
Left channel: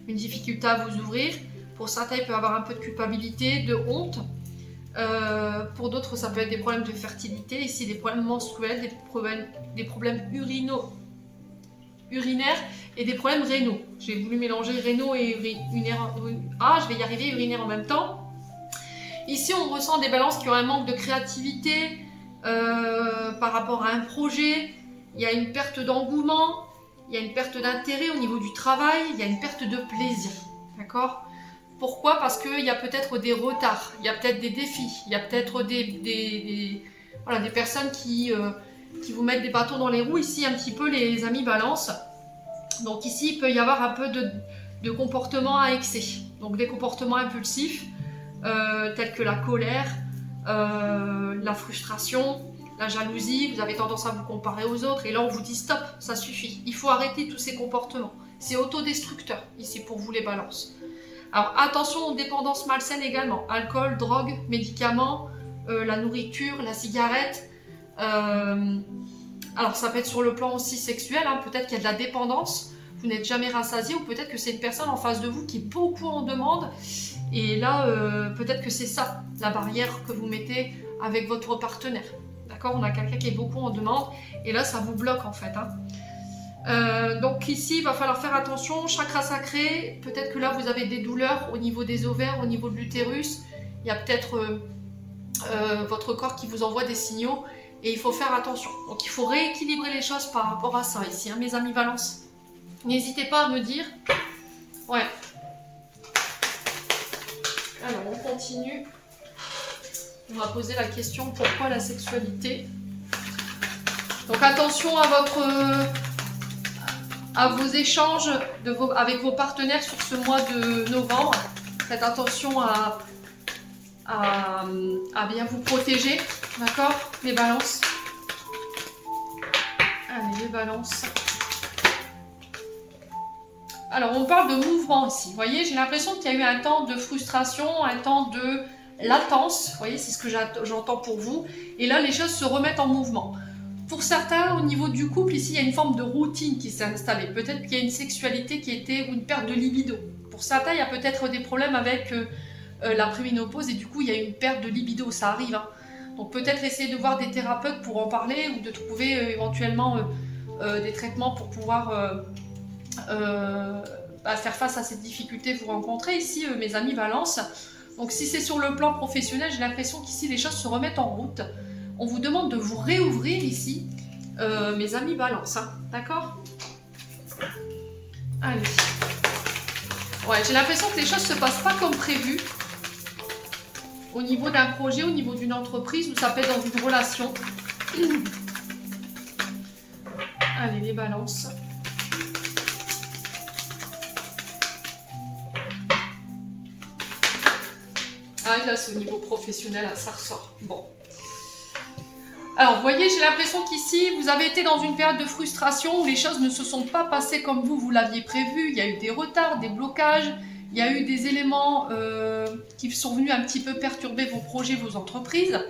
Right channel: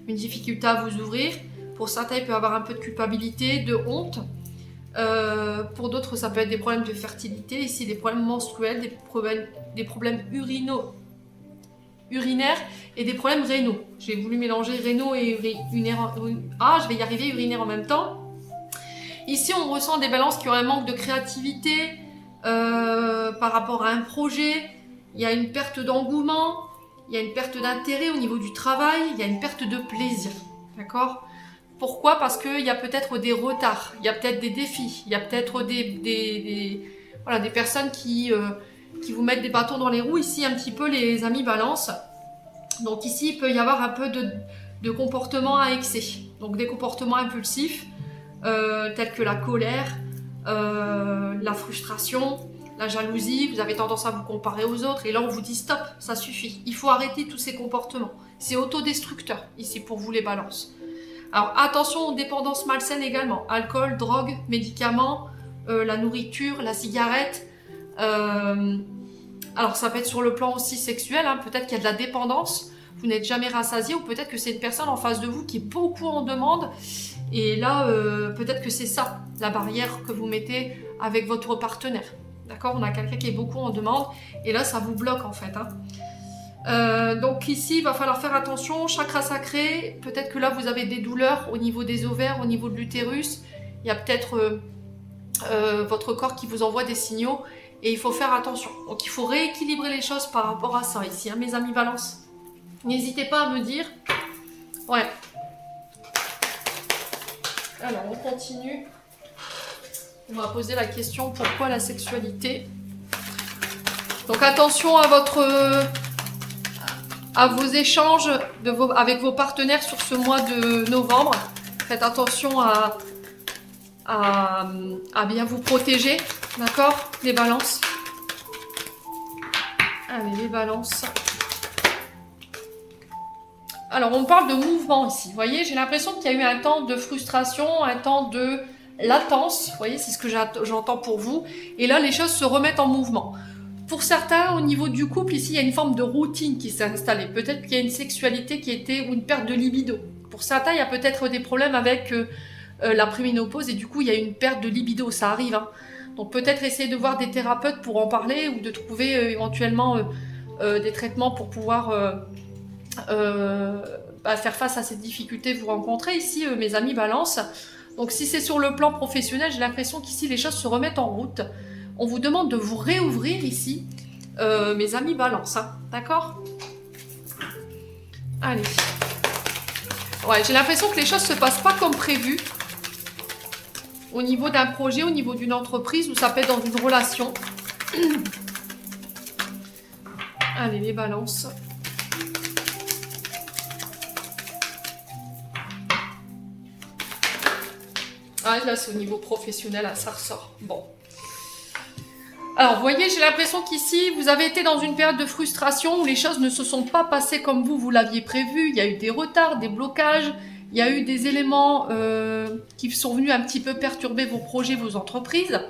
une difficulté à vous ouvrir. Pour certains, il peut y avoir un peu de culpabilité, de honte. Pour d'autres, ça peut être des problèmes de fertilité, ici des problèmes menstruels, des problèmes urinaires et des problèmes rénaux. J'ai voulu mélanger rénaux et urinaires. Ah, je vais y arriver, urinaire en même temps. Ici, on ressent des balances qui ont un manque de créativité par rapport à un projet. Il y a une perte d'engouement, il y a une perte d'intérêt au niveau du travail, il y a une perte de plaisir. D'accord? Pourquoi? Parce qu'il y a peut-être des retards, il y a peut-être des défis, il y a peut-être des personnes qui vous mettent des bâtons dans les roues, ici un petit peu les amis Balance. Donc ici, il peut y avoir un peu de comportement à excès, donc des comportements impulsifs, tels que la colère, la frustration, la jalousie, vous avez tendance à vous comparer aux autres, et là on vous dit stop, ça suffit, il faut arrêter tous ces comportements. C'est autodestructeur, ici pour vous les Balances. Alors attention aux dépendances malsaines également, alcool, drogue, médicaments, la nourriture, la cigarette. Alors ça peut être sur le plan aussi sexuel, hein, peut-être qu'il y a de la dépendance. vous n'êtes jamais rassasié, ou peut-être que c'est une personne en face de vous qui est beaucoup en demande. Et là, peut-être que c'est ça, la barrière que vous mettez avec votre partenaire. D'accord? On a quelqu'un qui est beaucoup en demande, et là, ça vous bloque en fait. Donc ici, il va falloir faire attention, chakra sacré, peut-être que là, vous avez des douleurs au niveau des ovaires, au niveau de l'utérus. Il y a peut-être votre corps qui vous envoie des signaux, et il faut faire attention. Donc il faut rééquilibrer les choses par rapport à ça ici, hein, mes amis Balance. N'hésitez pas à me dire. Ouais. Alors, on continue. On va poser la question, pourquoi la sexualité? Donc attention à vos échanges avec vos partenaires sur ce mois de novembre. Faites attention à bien vous protéger, d'accord? Les balances. Allez, les balances. Alors, on parle de mouvement ici. Vous voyez, j'ai l'impression qu'il y a eu un temps de frustration, un temps de latence. Vous voyez, c'est ce que j'entends pour vous. Et là, les choses se remettent en mouvement. Pour certains, au niveau du couple, ici, il y a une forme de routine qui s'est installée. Peut-être qu'il y a une sexualité qui était, ou une perte de libido. Pour certains, il y a peut-être des problèmes avec la préménopause, et du coup, il y a une perte de libido. Ça arrive, hein. Donc, peut-être essayer de voir des thérapeutes pour en parler, ou de trouver éventuellement des traitements pour pouvoir faire face à ces difficultés que vous rencontrez ici, mes amis Balance. Donc, si c'est sur le plan professionnel, j'ai l'impression qu'ici, les choses se remettent en route. On vous demande de vous réouvrir ici, mes amis Balance, hein, d'accord? Allez. Ouais, j'ai l'impression que les choses ne se passent pas comme prévu. Au niveau d'un projet, au niveau d'une entreprise, ou ça peut être dans une relation. Allez, les Balances. Ah, là, c'est au niveau professionnel, là, ça ressort. Bon. Alors, vous voyez, j'ai l'impression qu'ici, vous avez été dans une période de frustration où les choses ne se sont pas passées comme vous l'aviez prévu. Il y a eu des retards, des blocages, il y a eu des éléments qui sont venus un petit peu perturber vos projets, vos entreprises.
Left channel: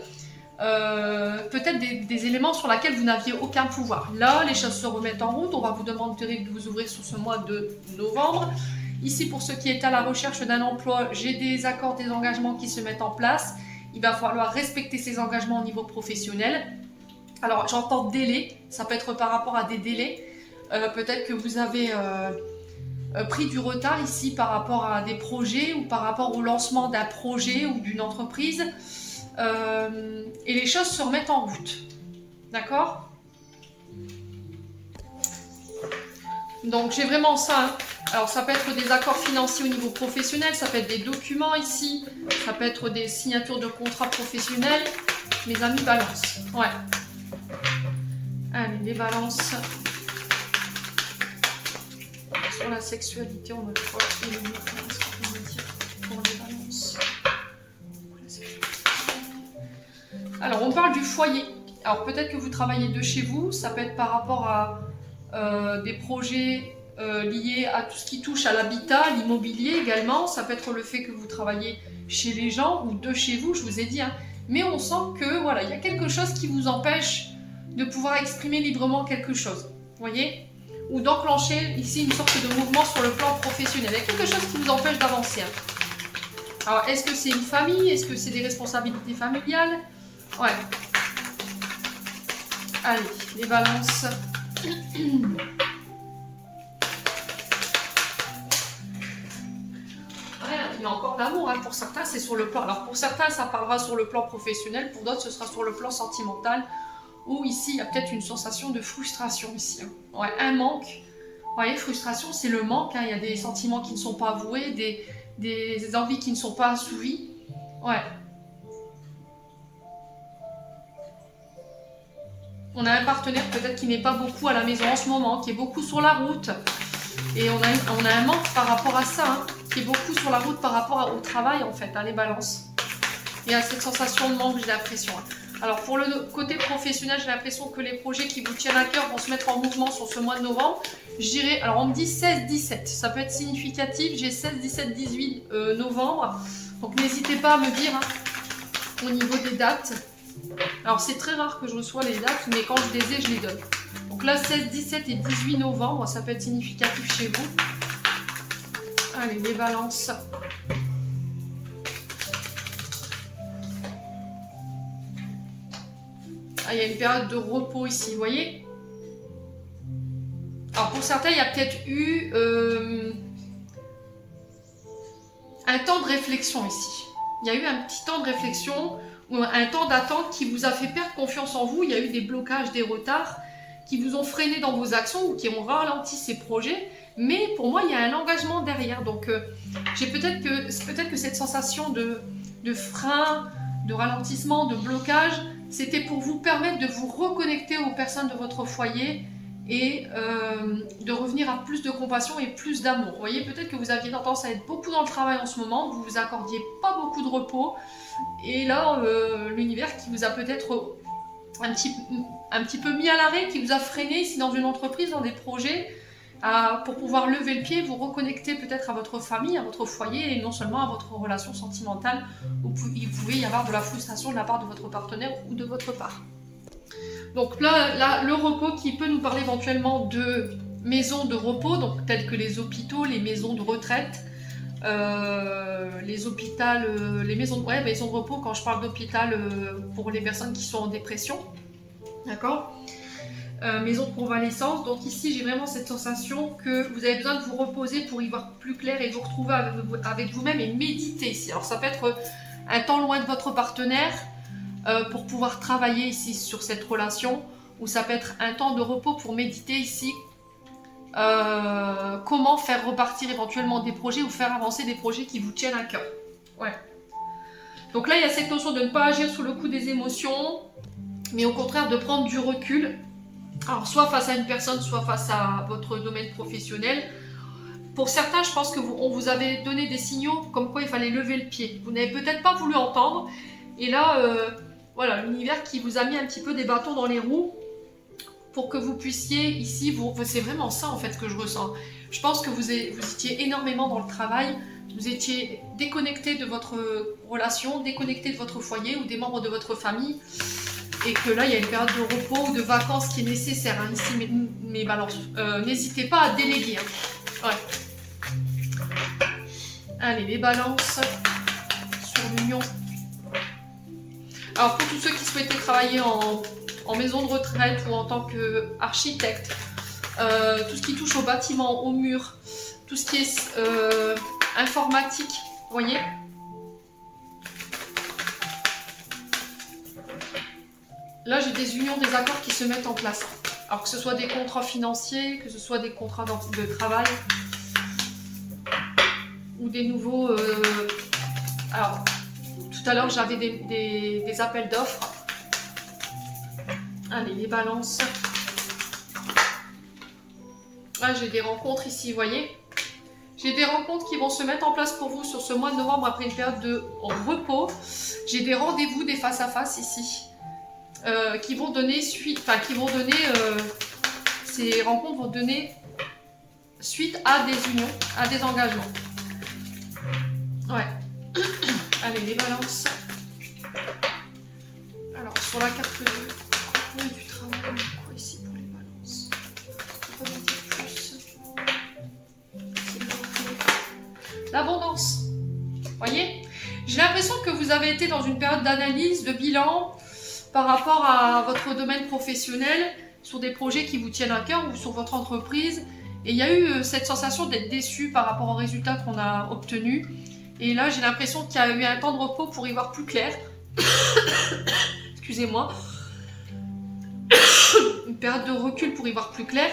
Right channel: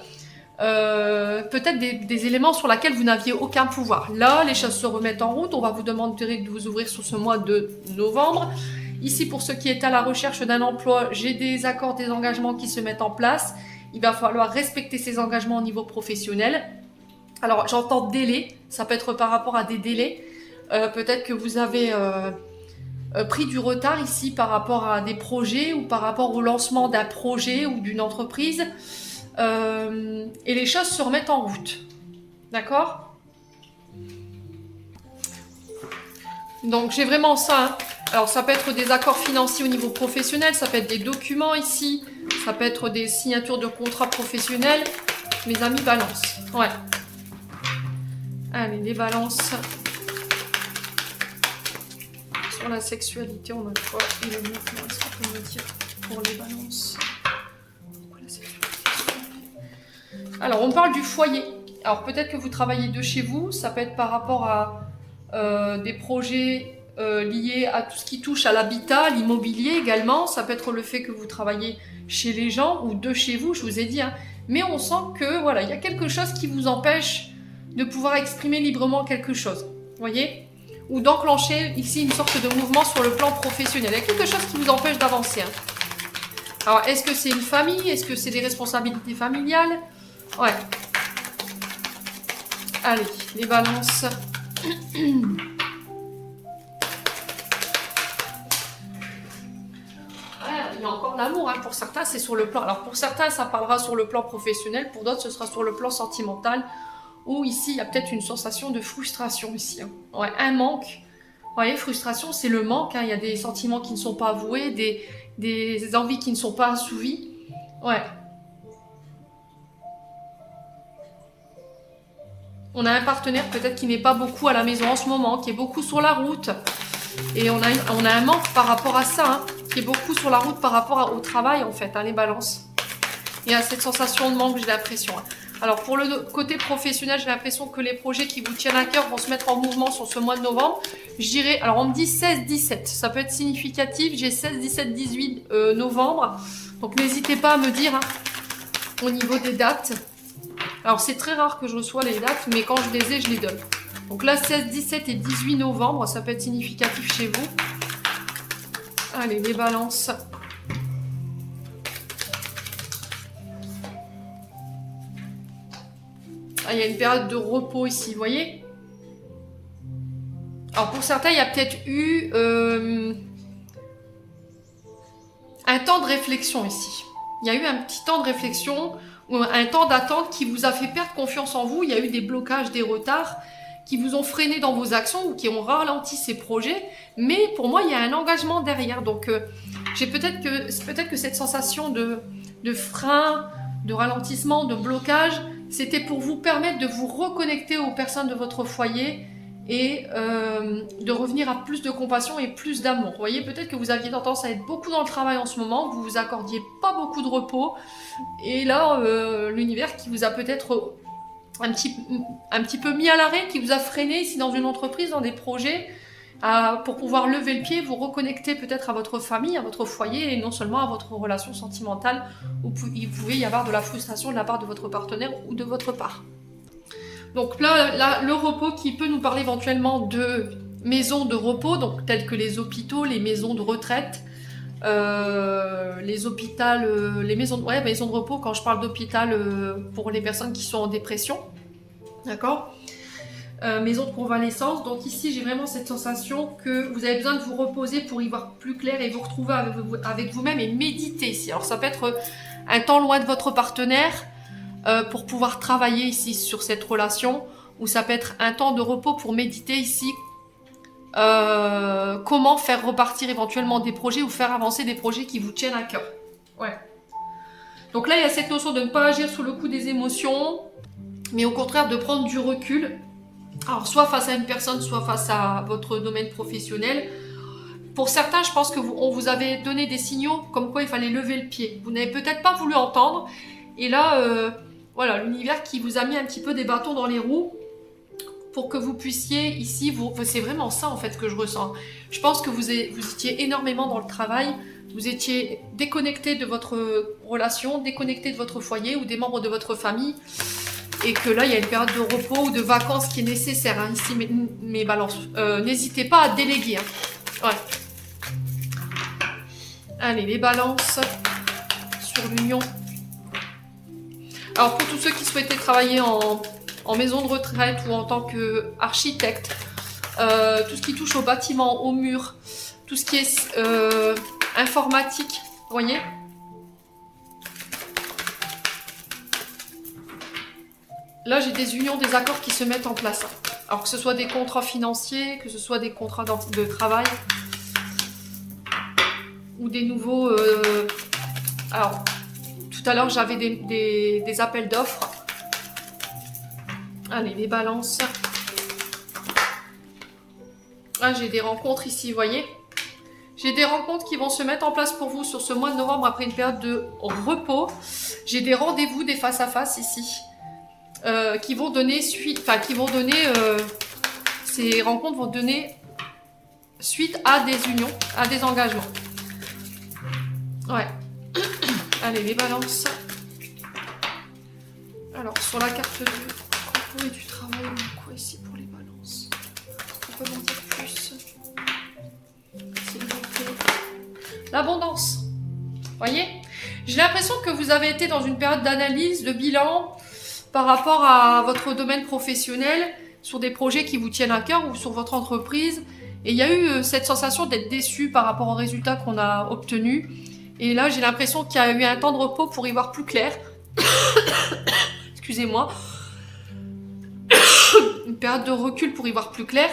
Peut-être des éléments sur lesquels vous n'aviez aucun pouvoir. Là, les choses se remettent en route. On va vous demander de vous ouvrir sur ce mois de novembre. Ici, pour ceux qui est à la recherche d'un emploi, j'ai des accords, des engagements qui se mettent en place. Il va falloir respecter ces engagements au niveau professionnel. Alors, j'entends délai, ça peut être par rapport à des délais. Peut-être que vous avez pris du retard ici par rapport à des projets ou par rapport au lancement d'un projet ou d'une entreprise. Et les choses se remettent en route. D'accord? Donc, j'ai vraiment ça. Hein. Alors, ça peut être des accords financiers au niveau professionnel, ça peut être des documents ici, ça peut être des signatures de contrats professionnels. Mes amis Balance. Ouais. Allez, les Balances. Sur la sexualité, on a quoi? Et le mouvement, est-ce qu'on peut me dire pour les Balances? Alors, on parle du foyer. Alors, peut-être que vous travaillez de chez vous, ça peut être par rapport à des projets liés à tout ce qui touche à l'habitat, l'immobilier également. Ça peut être le fait que vous travaillez chez les gens ou de chez vous, je vous ai dit. Hein. Mais on sent que voilà, il y a quelque chose qui vous empêche de pouvoir exprimer librement quelque chose. Vous voyez? Ou d'enclencher ici une sorte de mouvement sur le plan professionnel. Il y a quelque chose qui vous empêche d'avancer. Hein. Alors, est-ce que c'est une famille? Est-ce que c'est des responsabilités familiales? Ouais. Allez, les Balances. Il y a encore l'amour, hein. Pour certains c'est sur le plan, alors pour certains ça parlera sur le plan professionnel, pour d'autres ce sera sur le plan sentimental, où ici il y a peut-être une sensation de frustration ici, hein. Ouais, un manque, vous voyez, frustration c'est le manque, hein. Il y a des sentiments qui ne sont pas avoués, des envies qui ne sont pas assouvies, ouais. On a un partenaire peut-être qui n'est pas beaucoup à la maison en ce moment, qui est beaucoup sur la route, et on a un manque par rapport à ça, hein, qui est beaucoup sur la route par rapport au travail en fait, hein, les Balances. Il y a cette sensation de manque, j'ai l'impression. Hein. Alors pour le côté professionnel, j'ai l'impression que les projets qui vous tiennent à cœur vont se mettre en mouvement sur ce mois de novembre. Je dirais, alors on me dit 16-17, ça peut être significatif, j'ai 16-17-18 novembre. Donc n'hésitez pas à me dire hein, au niveau des dates. Alors c'est très rare que je reçois les dates, mais quand je les ai, je les donne. Donc là, 16, 17 et 18 novembre, ça peut être significatif chez vous. Allez, les balances. Ah, il y a une période de repos ici, vous voyez? Alors pour certains, il y a peut-être eu un temps de réflexion ici. Il y a eu un petit temps de réflexion, ou un temps d'attente qui vous a fait perdre confiance en vous. Il y a eu des blocages, des retards qui vous ont freiné dans vos actions ou qui ont ralenti ces projets. Mais pour moi, il y a un engagement derrière. Donc j'ai peut-être que cette sensation de frein, de ralentissement, de blocage, c'était pour vous permettre de vous reconnecter aux personnes de votre foyer et de revenir à plus de compassion et plus d'amour. Vous voyez, peut-être que vous aviez tendance à être beaucoup dans le travail en ce moment, vous vous accordiez pas beaucoup de repos, et là, l'univers qui vous a peut-être un petit peu mis à l'arrêt, qui vous a freiné ici dans une entreprise, dans des projets, pour pouvoir lever le pied, vous reconnecter peut-être à votre famille, à votre foyer, et non seulement à votre relation sentimentale, où il pouvait y avoir de la frustration de la part de votre partenaire ou de votre part. Donc là, le repos qui peut nous parler éventuellement de maisons de repos, donc telles que les hôpitaux, les maisons de retraite, les hôpitaux, maisons de repos. Quand je parle d'hôpital, pour les personnes qui sont en dépression, d'accord, maison de convalescence. Donc ici, j'ai vraiment cette sensation que vous avez besoin de vous reposer pour y voir plus clair et vous retrouver avec vous-même et méditer ici. Alors ça peut être un temps loin de votre partenaire, pour pouvoir travailler ici sur cette relation, ou ça peut être un temps de repos pour méditer ici, comment faire repartir éventuellement des projets ou faire avancer des projets qui vous tiennent à cœur. Ouais. Donc là, il y a cette notion de ne pas agir sous le coup des émotions, mais au contraire de prendre du recul. Alors soit face à une personne, soit face à votre domaine professionnel. Pour certains, je pense qu'on vous avait donné des signaux comme quoi il fallait lever le pied. Vous n'avez peut-être pas voulu entendre, et là, voilà, l'univers qui vous a mis un petit peu des bâtons dans les roues pour que vous puissiez ici, c'est vraiment ça en fait que je ressens. Je pense que vous étiez énormément dans le travail, vous étiez déconnecté de votre relation, déconnecté de votre foyer ou des membres de votre famille, et que là il y a une période de repos ou de vacances qui est nécessaire. Hein, ici, mes balances, n'hésitez pas à déléguer. Hein. Ouais. Allez, les balances sur l'union. Alors pour tous ceux qui souhaitaient travailler en maison de retraite ou en tant qu'architecte, tout ce qui touche au bâtiment, au mur, tout ce qui est informatique, vous voyez, là j'ai des unions, des accords qui se mettent en place. Alors que ce soit des contrats financiers, que ce soit des contrats de travail, ou des nouveaux... alors, tout à l'heure, j'avais des appels d'offres. Allez, les balances. Là, j'ai des rencontres ici, vous voyez. J'ai des rencontres qui vont se mettre en place pour vous sur ce mois de novembre après une période de repos. J'ai des rendez-vous, des face-à-face ici, qui vont donner suite... Enfin, ces rencontres vont donner suite à des unions, à des engagements. Ouais. Allez, les balances. Alors, sur la carte 2, repos et du travail, on a quoi ici pour les balances? On peut en dire plus. L'abondance. Voyez? J'ai l'impression que vous avez été dans une période d'analyse, de bilan par rapport à votre domaine professionnel, sur des projets qui vous tiennent à cœur ou sur votre entreprise. Et il y a eu cette sensation d'être déçu par rapport aux résultats qu'on a obtenus. Et là, j'ai l'impression qu'il y a eu un temps de repos pour y voir plus clair. Excusez-moi. Une période de recul pour y voir plus clair.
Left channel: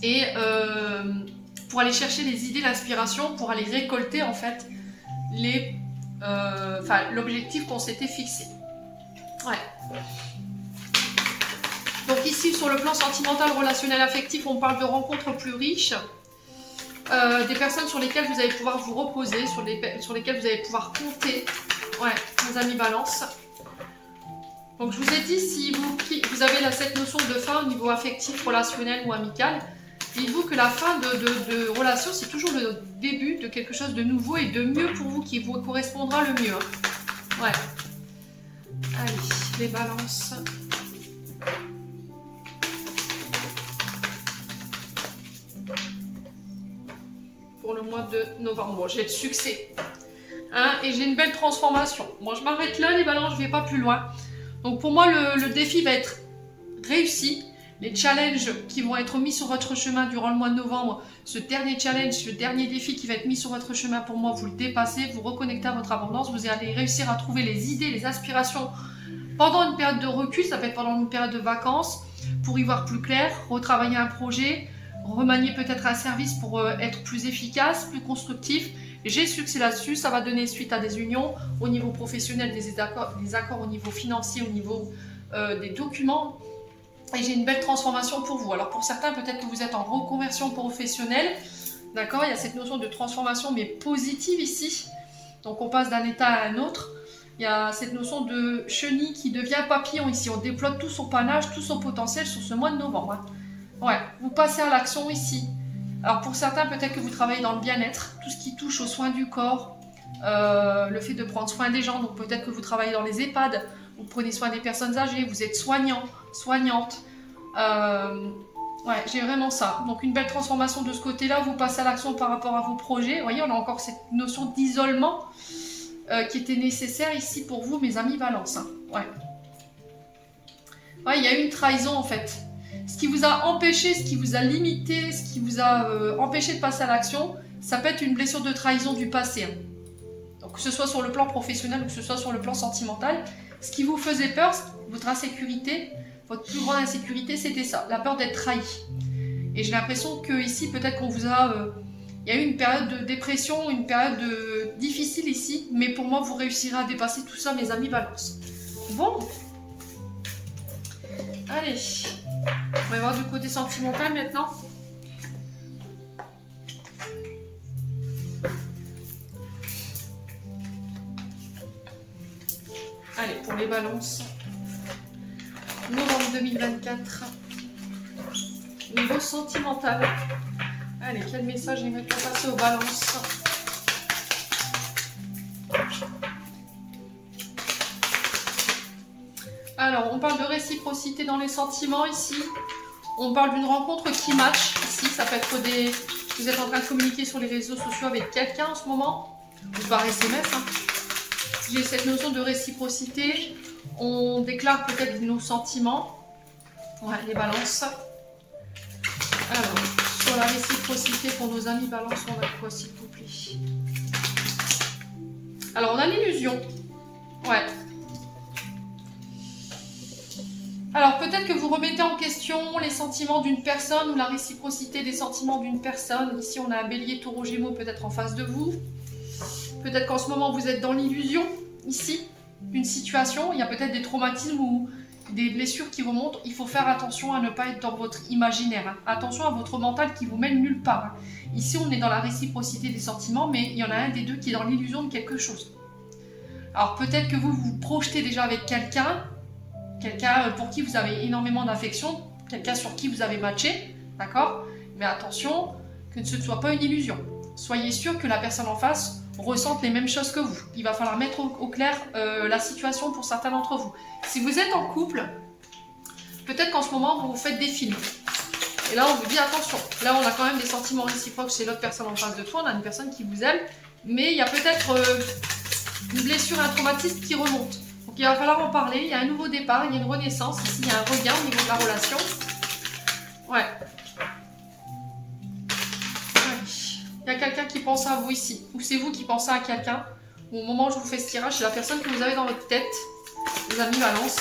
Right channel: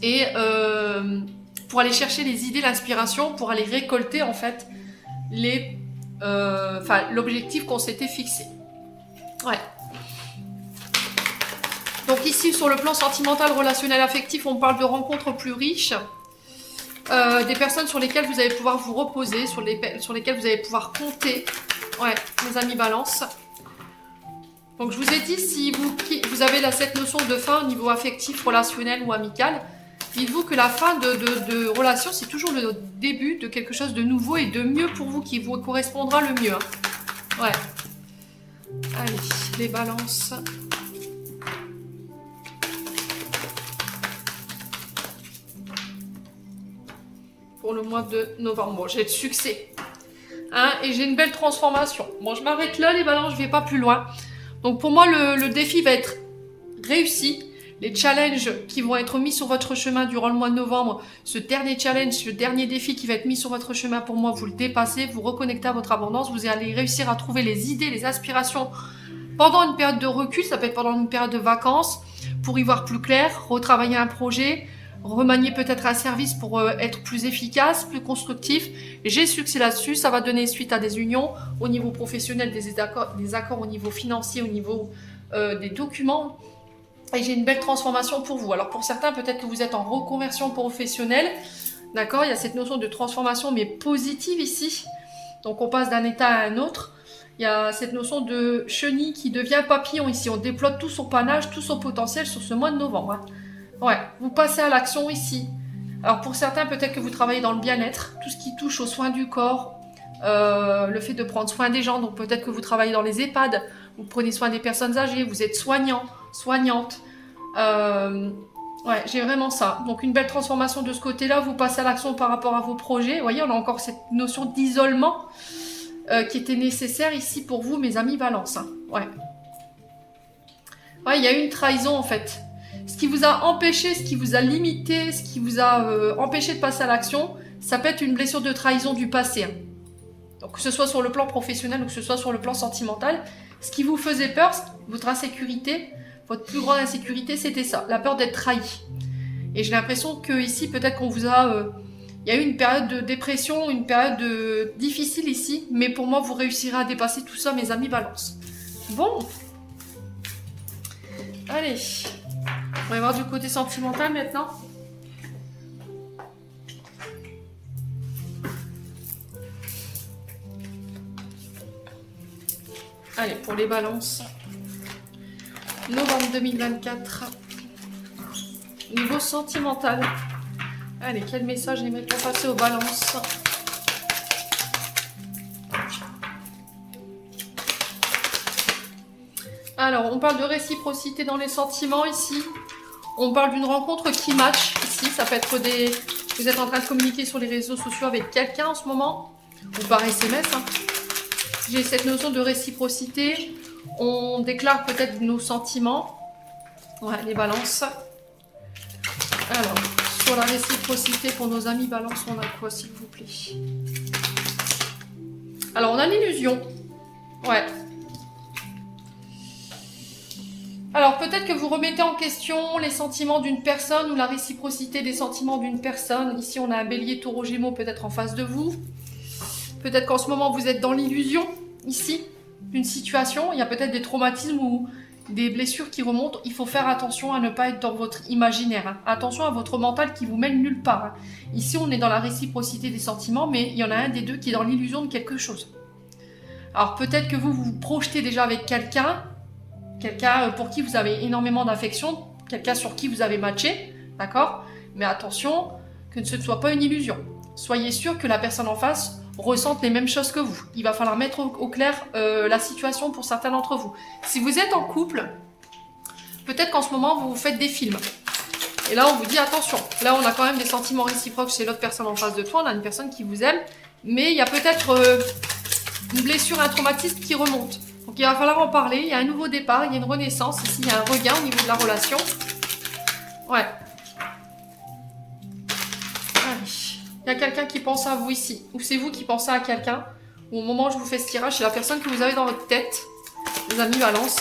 Et pour aller chercher les idées, l'inspiration, pour aller récolter en fait l'objectif qu'on s'était fixé. Ouais. Donc ici, sur le plan sentimental, relationnel, affectif, on parle de rencontres plus riches. Des personnes sur lesquelles vous allez pouvoir vous reposer, sur lesquelles vous allez pouvoir compter. Ouais, mes amis balance. Donc je vous ai dit, si vous avez cette notion de fin au niveau affectif, relationnel ou amical, dites-vous que la fin de relation, c'est toujours le début de quelque chose de nouveau et de mieux pour vous, qui vous correspondra le mieux. Ouais. Allez, les balances. pour le mois de novembre. Bon, j'ai le succès. Hein, et j'ai une belle transformation. Bon, je m'arrête là, les balances, je ne vais pas plus loin. Donc pour moi, le défi va être réussi. Les challenges qui vont être mis sur votre chemin durant le mois de novembre, ce dernier challenge, ce dernier défi qui va être mis sur votre chemin, pour moi, vous le dépassez, vous reconnectez à votre abondance, vous allez réussir à trouver les idées, les aspirations pendant une période de recul, ça peut être pendant une période de vacances, pour y voir plus clair, retravailler un projet, remanier peut-être un service pour être plus efficace, plus constructif. J'ai succès là-dessus, ça va donner suite à des unions au niveau professionnel, des accords au niveau financier, au niveau des documents. Et j'ai une belle transformation pour vous. Alors pour certains, peut-être que vous êtes en reconversion professionnelle. D'accord, il y a cette notion de transformation, mais positive ici. Donc on passe d'un état à un autre. Il y a cette notion de chenille qui devient papillon ici. On déploie tout son panache, tout son potentiel sur ce mois de novembre. Hein. Ouais, vous passez à l'action ici. Alors pour certains, peut-être que vous travaillez dans le bien-être, tout ce qui touche aux soins du corps, le fait de prendre soin des gens. Donc peut-être que vous travaillez dans les EHPAD, vous prenez soin des personnes âgées, vous êtes soignant, soignante. Ouais, j'ai vraiment ça. Donc une belle transformation de ce côté-là. Vous passez à l'action par rapport à vos projets. Vous voyez, on a encore cette notion d'isolement qui était nécessaire ici pour vous, mes amis Balance. Hein. Ouais. Ouais, il y a eu une trahison en fait. Ce qui vous a empêché, ce qui vous a limité, ce qui vous a empêché de passer à l'action, ça peut être une blessure de trahison du passé. Hein. Donc que ce soit sur le plan professionnel ou que ce soit sur le plan sentimental, ce qui vous faisait peur, votre insécurité, votre plus grande insécurité, c'était ça, la peur d'être trahi. Et j'ai l'impression que ici, peut-être qu'on vous a... il y a eu une période de dépression, une période difficile ici, mais pour moi, vous réussirez à dépasser tout ça, mes amis Balance. Bon. Allez. On va voir du côté sentimental maintenant. Allez, pour les balances. Novembre 2024. Niveau sentimental. Allez, quel message j'aimerais qu'on passe aux balances? Alors, on parle de réciprocité dans les sentiments ici. On parle d'une rencontre qui match ici. Ça peut être des... Vous êtes en train de communiquer sur les réseaux sociaux avec quelqu'un en ce moment. Ou par SMS. Hein. J'ai cette notion de réciprocité. On déclare peut-être nos sentiments. Ouais, les balances. Alors, sur la réciprocité pour nos amis balance, on a quoi s'il vous plaît? Alors, on a l'illusion. Ouais. Alors, peut-être que vous remettez en question les sentiments d'une personne ou la réciprocité des sentiments d'une personne. Ici, on a un bélier taureau gémeaux peut-être en face de vous. Peut-être qu'en ce moment, vous êtes dans l'illusion, ici, d'une situation. Il y a peut-être des traumatismes ou des blessures qui remontent. Il faut faire attention à ne pas être dans votre imaginaire. Hein. Attention à votre mental qui vous mène nulle part. Hein. Ici, on est dans la réciprocité des sentiments, mais il y en a un des deux qui est dans l'illusion de quelque chose. Alors, peut-être que vous vous projetez déjà avec quelqu'un pour qui vous avez énormément d'affection, quelqu'un sur qui vous avez matché, d'accord? Mais attention, que ce ne soit pas une illusion. Soyez sûr que la personne en face ressentent les mêmes choses que vous. Il va falloir mettre au clair la situation pour certains d'entre vous. Si vous êtes en couple, peut-être qu'en ce moment, vous faites des films. Et là, on vous dit attention. Là, on a quand même des sentiments réciproques chez l'autre personne en face de toi. On a une personne qui vous aime. Mais il y a peut-être une blessure, un traumatisme qui remonte. Donc, il va falloir en parler. Il y a un nouveau départ, il y a une renaissance. Ici, il y a un regain au niveau de la relation. Ouais. Il y a quelqu'un qui pense à vous ici, ou c'est vous qui pensez à quelqu'un. Au moment où je vous fais ce tirage, c'est la personne que vous avez dans votre tête, les amis Balance.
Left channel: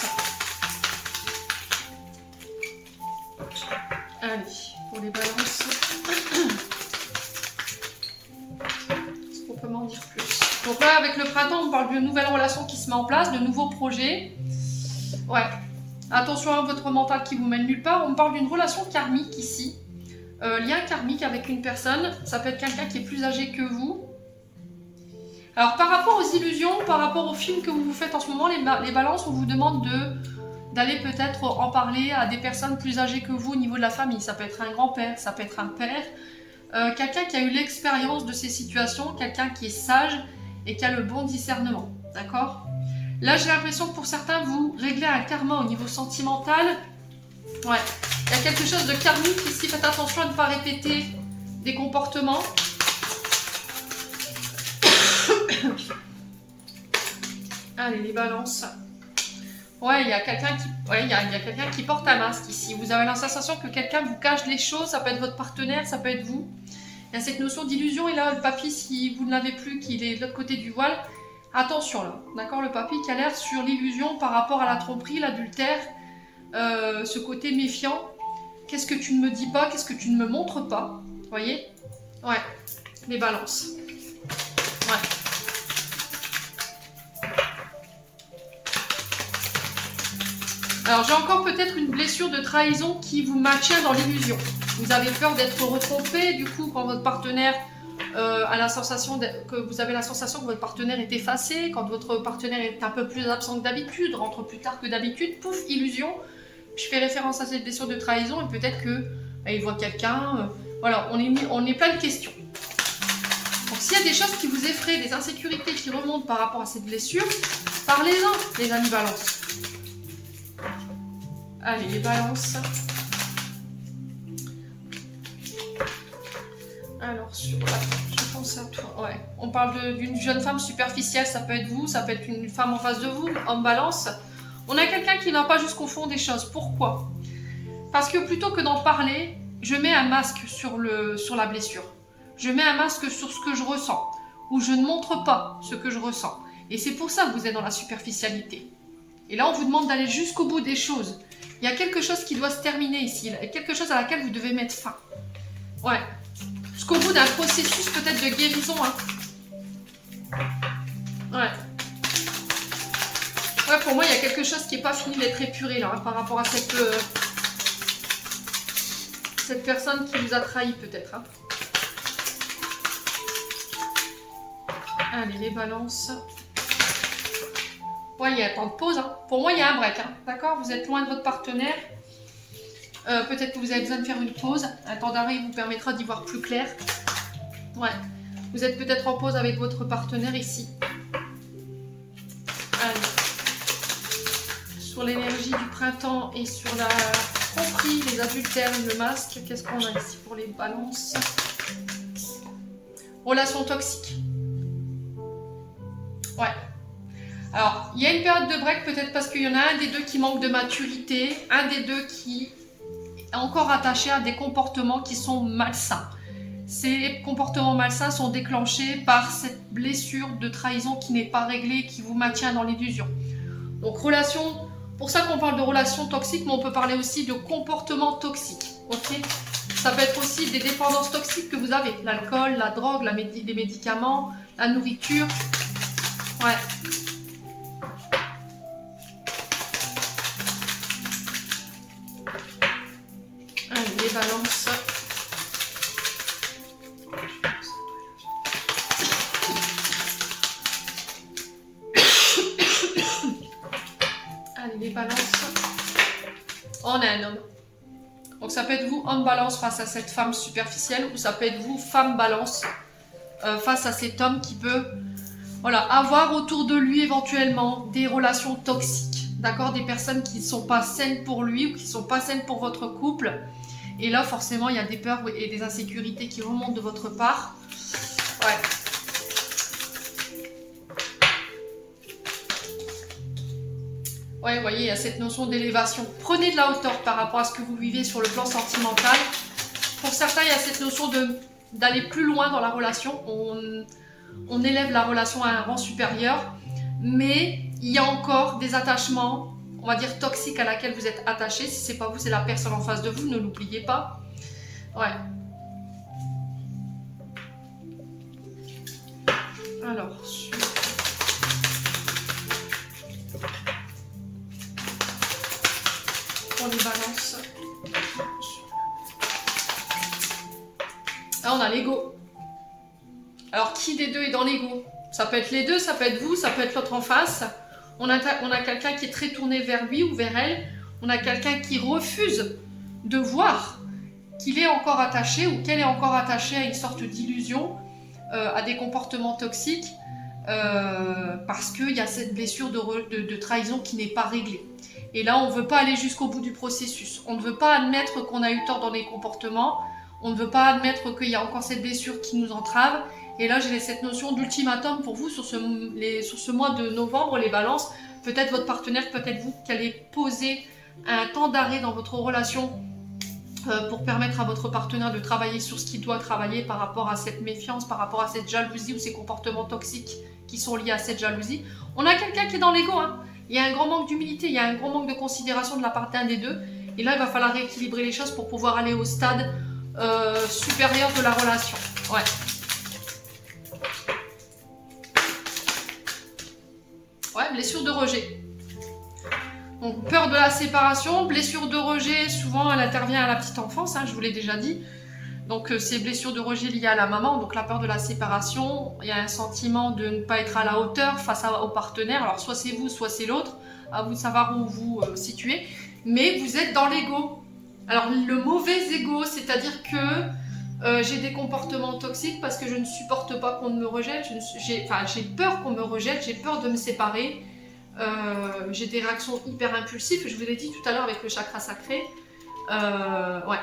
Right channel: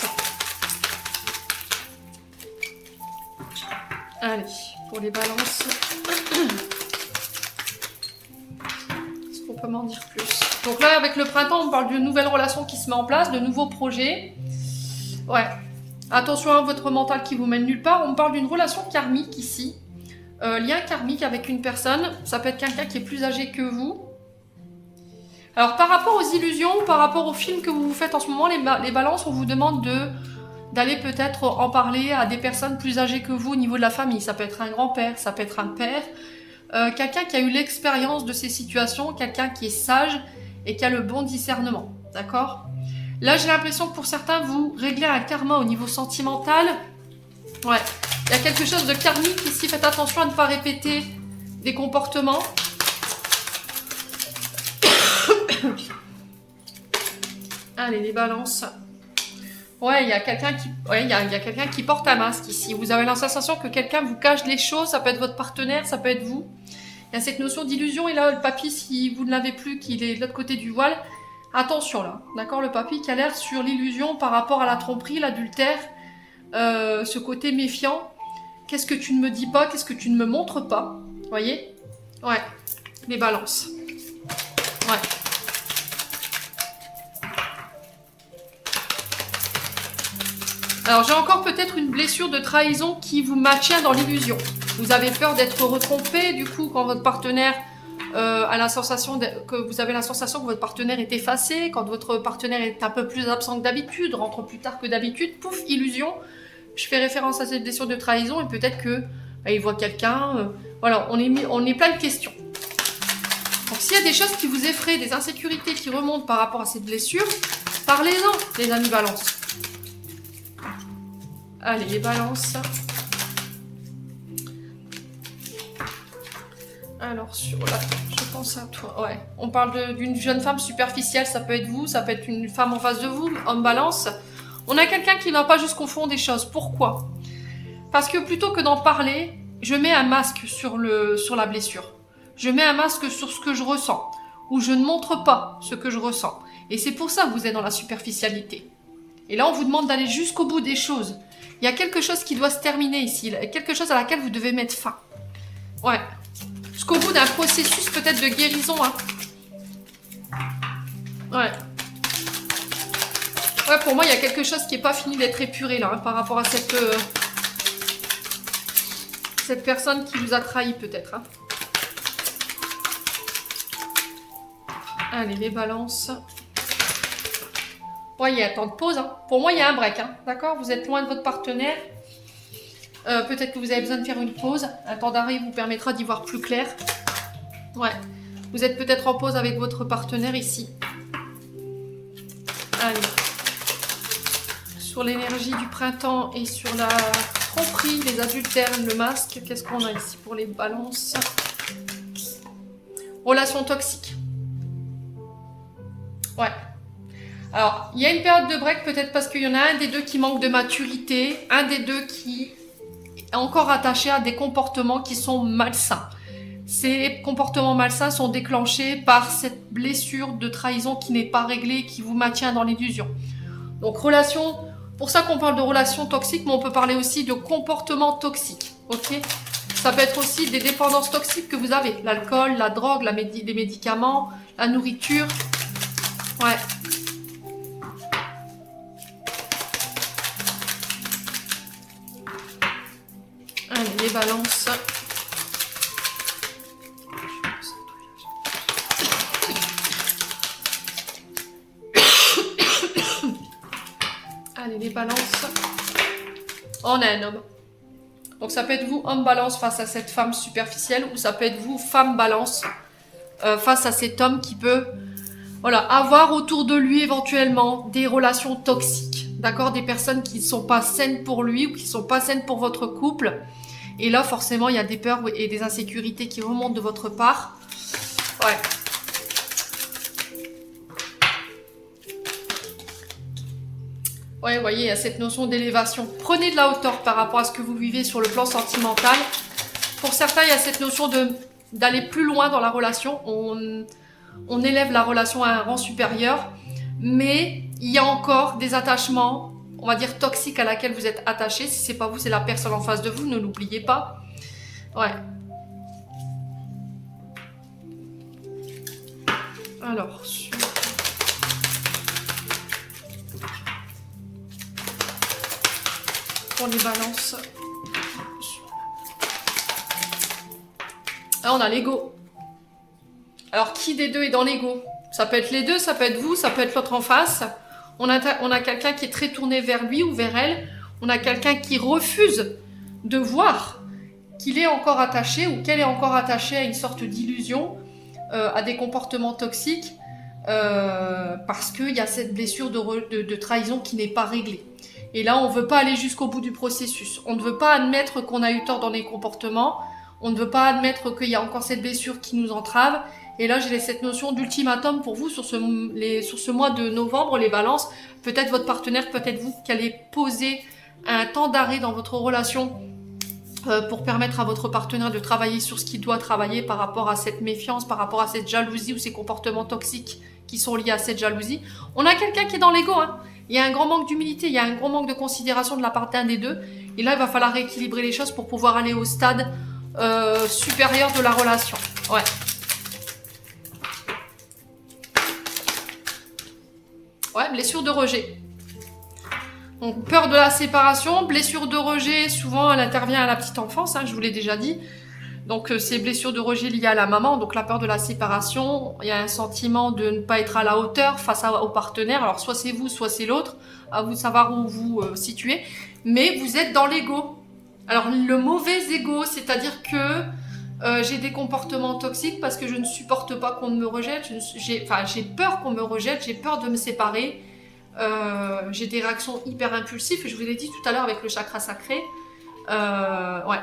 Allez, pour les Balances. Est-ce qu'on peut m'en dire plus? Donc là, avec le printemps, on parle d'une nouvelle relation qui se met en place, de nouveaux projets. Ouais. Attention à votre mental qui vous mène nulle part. On parle d'une relation karmique ici. Lien karmique avec une personne, ça peut être quelqu'un qui est plus âgé que vous. Alors par rapport aux illusions, par rapport aux films que vous vous faites en ce moment, les balances, on vous demande d'aller peut-être en parler à des personnes plus âgées que vous au niveau de la famille. Ça peut être un grand-père, ça peut être un père, quelqu'un qui a eu l'expérience de ces situations, quelqu'un qui est sage et qui a le bon discernement, d'accord? Là j'ai l'impression que pour certains, vous réglez un karma au niveau sentimental. Ouais. Il y a quelque chose de karmique ici, faites attention à ne pas répéter des comportements. Allez, les balances. Ouais, il y a quelqu'un qui porte un masque ici. Vous avez la sensation que quelqu'un vous cache les choses. Ça peut être votre partenaire, ça peut être vous. Il y a cette notion d'illusion. Et là, le papy, si vous ne l'avez plus, qu'il est de l'autre côté du voile, attention là. D'accord, le papy qui alerte sur l'illusion par rapport à la tromperie, l'adultère, ce côté méfiant. Qu'est-ce que tu ne me dis pas? Qu'est-ce que tu ne me montres pas? Vous voyez? Ouais, les balances. Ouais. Alors j'ai encore peut-être une blessure de trahison qui vous maintient dans l'illusion. Vous avez peur d'être retrompé, du coup quand votre partenaire a la sensation que vous avez la sensation que votre partenaire est effacé, quand votre partenaire est un peu plus absent que d'habitude, rentre plus tard que d'habitude, pouf, illusion. Je fais référence à cette blessure de trahison et peut-être que il voit quelqu'un. Voilà, on est plein de questions. Donc s'il y a des choses qui vous effraient, des insécurités qui remontent par rapport à cette blessure, parlez-en, les amis balance. Allez, les balances. Alors, je pense à toi. Ouais, on parle d'une jeune femme superficielle, ça peut être vous, ça peut être une femme en face de vous, homme balance. On a quelqu'un qui n'a pas juste confond des choses. Pourquoi? Parce que plutôt que d'en parler, je mets un masque sur la blessure. Je mets un masque sur ce que je ressens. Ou je ne montre pas ce que je ressens. Et c'est pour ça que vous êtes dans la superficialité. Et là, on vous demande d'aller jusqu'au bout des choses. Il y a quelque chose qui doit se terminer ici. Quelque chose à laquelle vous devez mettre fin. Ouais. Jusqu'au bout d'un processus peut-être de guérison. Hein. Ouais. Ouais, pour moi, il y a quelque chose qui n'est pas fini d'être épuré là, hein, par rapport à cette personne qui vous a trahi peut-être. Hein. Allez, les balances. Ouais, il y a un temps de pause. Hein. Pour moi, il y a un break. Hein. D'accord? Vous êtes loin de votre partenaire. Peut-être que vous avez besoin de faire une pause. Un temps d'arrêt vous permettra d'y voir plus clair. Ouais. Vous êtes peut-être en pause avec votre partenaire ici. Allez. Sur l'énergie du printemps et sur la tromperie, les adultères, le masque. Qu'est-ce qu'on a ici pour les balances? Relation toxique. Ouais. Alors, il y a une période de break peut-être parce qu'il y en a un des deux qui manque de maturité, un des deux qui est encore attaché à des comportements qui sont malsains. Ces comportements malsains sont déclenchés par cette blessure de trahison qui n'est pas réglée, qui vous maintient dans l'illusion. Donc, relation, pour ça qu'on parle de relation toxique, mais on peut parler aussi de comportement toxique. Ok? Ça peut être aussi des dépendances toxiques que vous avez. L'alcool, la drogue, les médicaments, la nourriture. Ouais. Allez, les balances. Allez, les balances. On a un homme. Donc ça peut être vous, homme balance, face à cette femme superficielle, ou ça peut être vous, femme balance, face à cet homme qui peut avoir autour de lui éventuellement des relations toxiques. D'accord? Des personnes qui ne sont pas saines pour lui ou qui ne sont pas saines pour votre couple. Et là, forcément, il y a des peurs et des insécurités qui remontent de votre part. Ouais. Ouais, vous voyez, il y a cette notion d'élévation. Prenez de la hauteur par rapport à ce que vous vivez sur le plan sentimental. Pour certains, il y a cette notion d'aller plus loin dans la relation. On élève la relation à un rang supérieur. Mais il y a encore des attachements, on va dire toxiques, à laquelle vous êtes attaché. Si c'est pas vous, c'est la personne en face de vous. Ne l'oubliez pas. Ouais. Alors, pour les balances. Là, on a l'ego. Alors, qui des deux est dans l'ego? Ça peut être les deux, ça peut être vous, ça peut être l'autre en face. On a quelqu'un qui est très tourné vers lui ou vers elle. On a quelqu'un qui refuse de voir qu'il est encore attaché ou qu'elle est encore attachée à une sorte d'illusion, à des comportements toxiques, parce qu'il y a cette blessure de trahison qui n'est pas réglée. Et là, on ne veut pas aller jusqu'au bout du processus. On ne veut pas admettre qu'on a eu tort dans les comportements. On ne veut pas admettre qu'il y a encore cette blessure qui nous entrave. Et là, j'ai cette notion d'ultimatum pour vous sur ce mois de novembre, les balances. Peut-être votre partenaire, peut-être vous, qui allez poser un temps d'arrêt dans votre relation pour permettre à votre partenaire de travailler sur ce qu'il doit travailler par rapport à cette méfiance, par rapport à cette jalousie ou ces comportements toxiques qui sont liés à cette jalousie. On a quelqu'un qui est dans l'ego, hein. Il y a un grand manque d'humilité, il y a un grand manque de considération de la part d'un des deux. Et là, il va falloir rééquilibrer les choses pour pouvoir aller au stade supérieur de la relation. Ouais. Ouais, blessure de rejet. Donc, peur de la séparation, blessure de rejet, souvent elle intervient à la petite enfance, hein, je vous l'ai déjà dit. Donc, ces blessures de rejet liées à la maman, donc la peur de la séparation, il y a un sentiment de ne pas être à la hauteur face au partenaire. Alors, soit c'est vous, soit c'est l'autre, à vous de savoir où vous situez. Mais vous êtes dans l'ego. Alors, le mauvais ego, c'est-à-dire que j'ai des comportements toxiques parce que je ne supporte pas qu'on me rejette, j'ai peur qu'on me rejette, j'ai peur de me séparer, j'ai des réactions hyper impulsives, je vous l'ai dit tout à l'heure avec le chakra sacré. Ouais.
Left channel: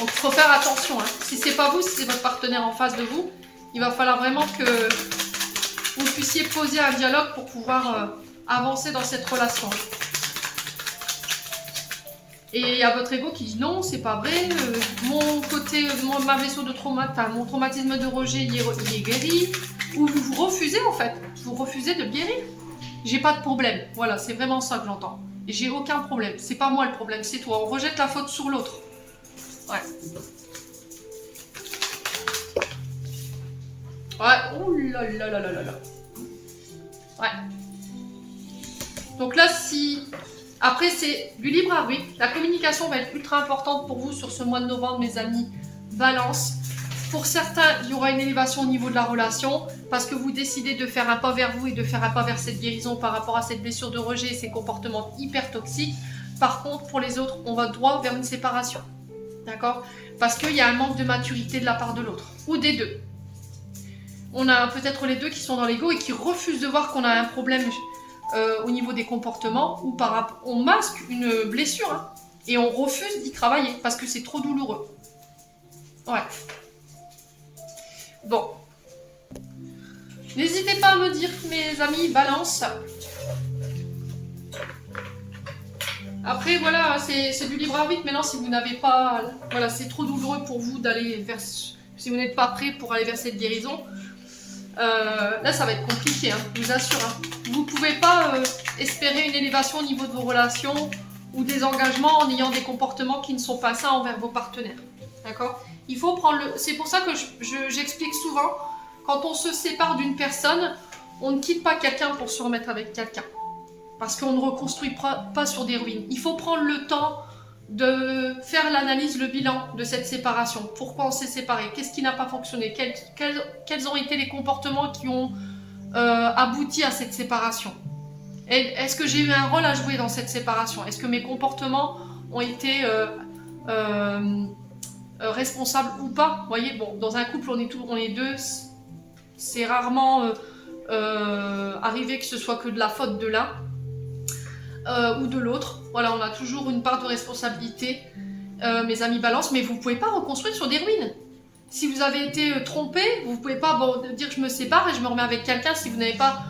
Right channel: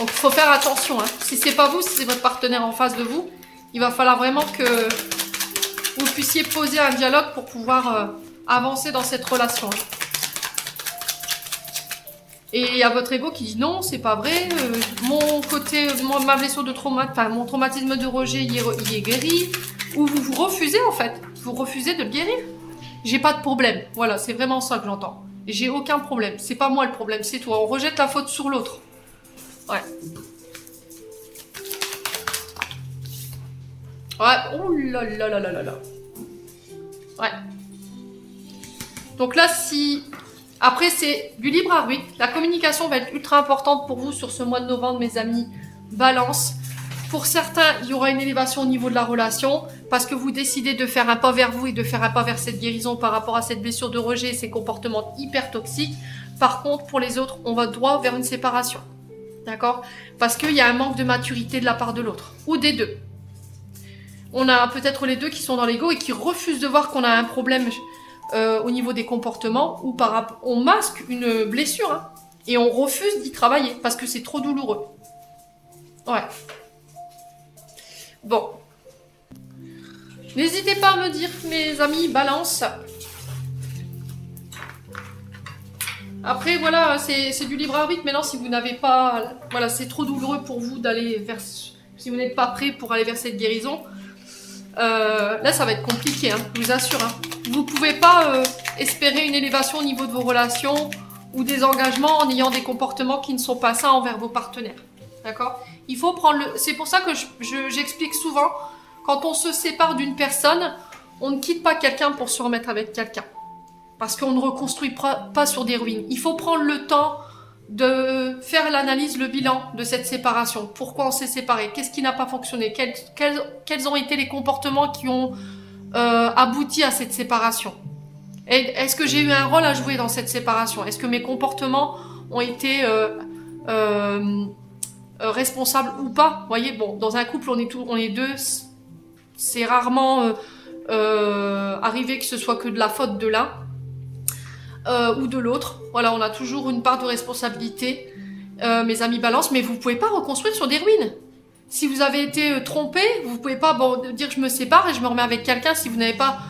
Donc il faut faire attention, hein. Si c'est pas vous, si c'est votre partenaire en face de vous, il va falloir vraiment que vous puissiez poser un dialogue pour pouvoir avancer dans cette relation. Et il y a votre ego qui dit non, c'est pas vrai, ma blessure de mon traumatisme de rejet, il est guéri. Ou vous refusez en fait, vous refusez de le guérir. J'ai pas de problème, voilà, c'est vraiment ça que j'entends. J'ai aucun problème, c'est pas moi le problème, c'est toi. On rejette la faute sur l'autre. Ouais. Ouais, oh là là là là là là. Ouais. Donc là, si... Après, c'est du libre arbitre. La communication va être ultra importante pour vous sur ce mois de novembre, mes amis. Balance. Pour certains, il y aura une élévation au niveau de la relation parce que vous décidez de faire un pas vers vous et de faire un pas vers cette guérison par rapport à cette blessure de rejet et ces comportements hyper toxiques. Par contre, pour les autres, on va droit vers une séparation. D'accord? Parce qu'il y a un manque de maturité de la part de l'autre ou des deux. On a peut-être les deux qui sont dans l'ego et qui refusent de voir qu'on a un problème au niveau des comportements ou on masque une blessure, hein, et on refuse d'y travailler parce que c'est trop douloureux. Ouais. Bon. N'hésitez pas à me dire, mes amis, balance. Après, voilà, c'est du libre arbitre. Maintenant, si vous n'avez pas... Voilà, c'est trop douloureux pour vous d'aller vers... Si vous n'êtes pas prêt pour aller vers cette guérison, là, ça va être compliqué, hein, je vous assure. Hein. Vous ne pouvez pas espérer une élévation au niveau de vos relations ou des engagements en ayant des comportements qui ne sont pas sains envers vos partenaires. D'accord? Il faut prendre le... C'est pour ça que j'explique souvent, quand on se sépare d'une personne, on ne quitte pas quelqu'un pour se remettre avec quelqu'un. Parce qu'on ne reconstruit pas sur des ruines. Il faut prendre le temps de faire l'analyse, le bilan de cette séparation. Pourquoi on s'est séparés? Qu'est-ce qui n'a pas fonctionné? Quels ont été les comportements qui ont abouti à cette séparation? Est-ce que j'ai eu un rôle à jouer dans cette séparation? Est-ce que mes comportements ont été responsables ou pas? Vous voyez, bon, dans un couple, on est deux. C'est rarement arrivé que ce soit que de la faute de l'un ou de l'autre. Voilà, on a toujours une part de responsabilité, mes amis balance, mais vous ne pouvez pas reconstruire sur des ruines. Si vous avez été trompé, vous ne pouvez pas dire je me sépare et je me remets avec quelqu'un si vous n'avez pas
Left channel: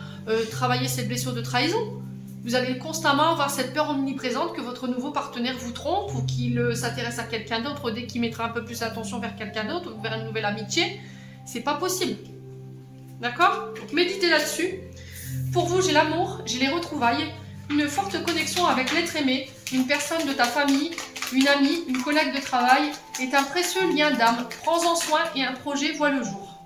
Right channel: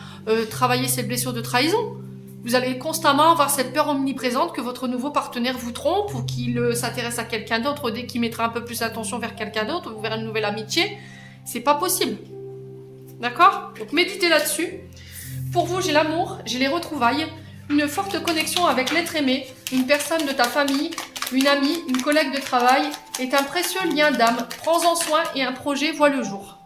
travaillé cette blessure de trahison. Vous allez constamment avoir cette peur omniprésente que votre nouveau partenaire vous trompe ou qu'il s'intéresse à quelqu'un d'autre dès qu'il mettra un peu plus attention vers quelqu'un d'autre ou vers une nouvelle amitié. C'est pas possible. D'accord? Donc méditez là-dessus. Pour vous, j'ai l'amour, j'ai les retrouvailles, une forte connexion avec l'être aimé, une personne de ta famille, une amie, une collègue de travail est un précieux lien d'âme. Prends-en soin et un projet voit le jour.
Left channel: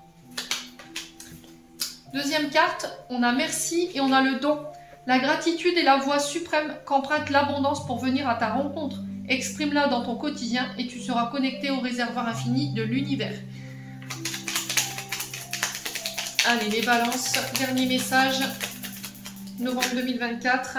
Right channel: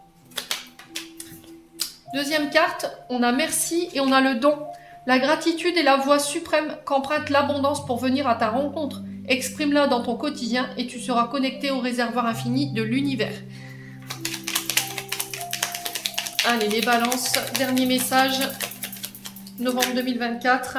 Deuxième carte, on a merci et on a le don. La gratitude est la voie suprême qu'emprunte l'abondance pour venir à ta rencontre. Exprime-la dans ton quotidien et tu seras connecté au réservoir infini de l'univers. Allez, les balances, dernier message, novembre 2024.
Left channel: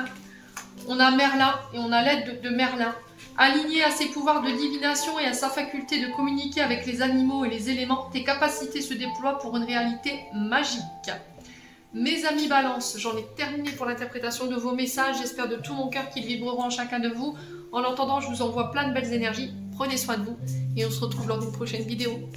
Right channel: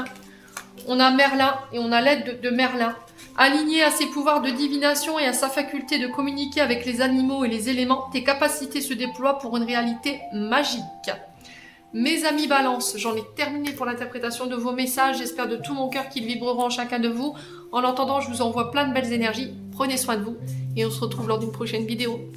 On a Merlin et on a l'aide de Merlin. Aligné à ses pouvoirs de divination et à sa faculté de communiquer avec les animaux et les éléments, tes capacités se déploient pour une réalité magique. Mes amis balance, j'en ai terminé pour l'interprétation de vos messages. J'espère de tout mon cœur qu'ils vibreront en chacun de vous. En attendant, je vous envoie plein de belles énergies. Prenez soin de vous et on se retrouve lors d'une prochaine vidéo.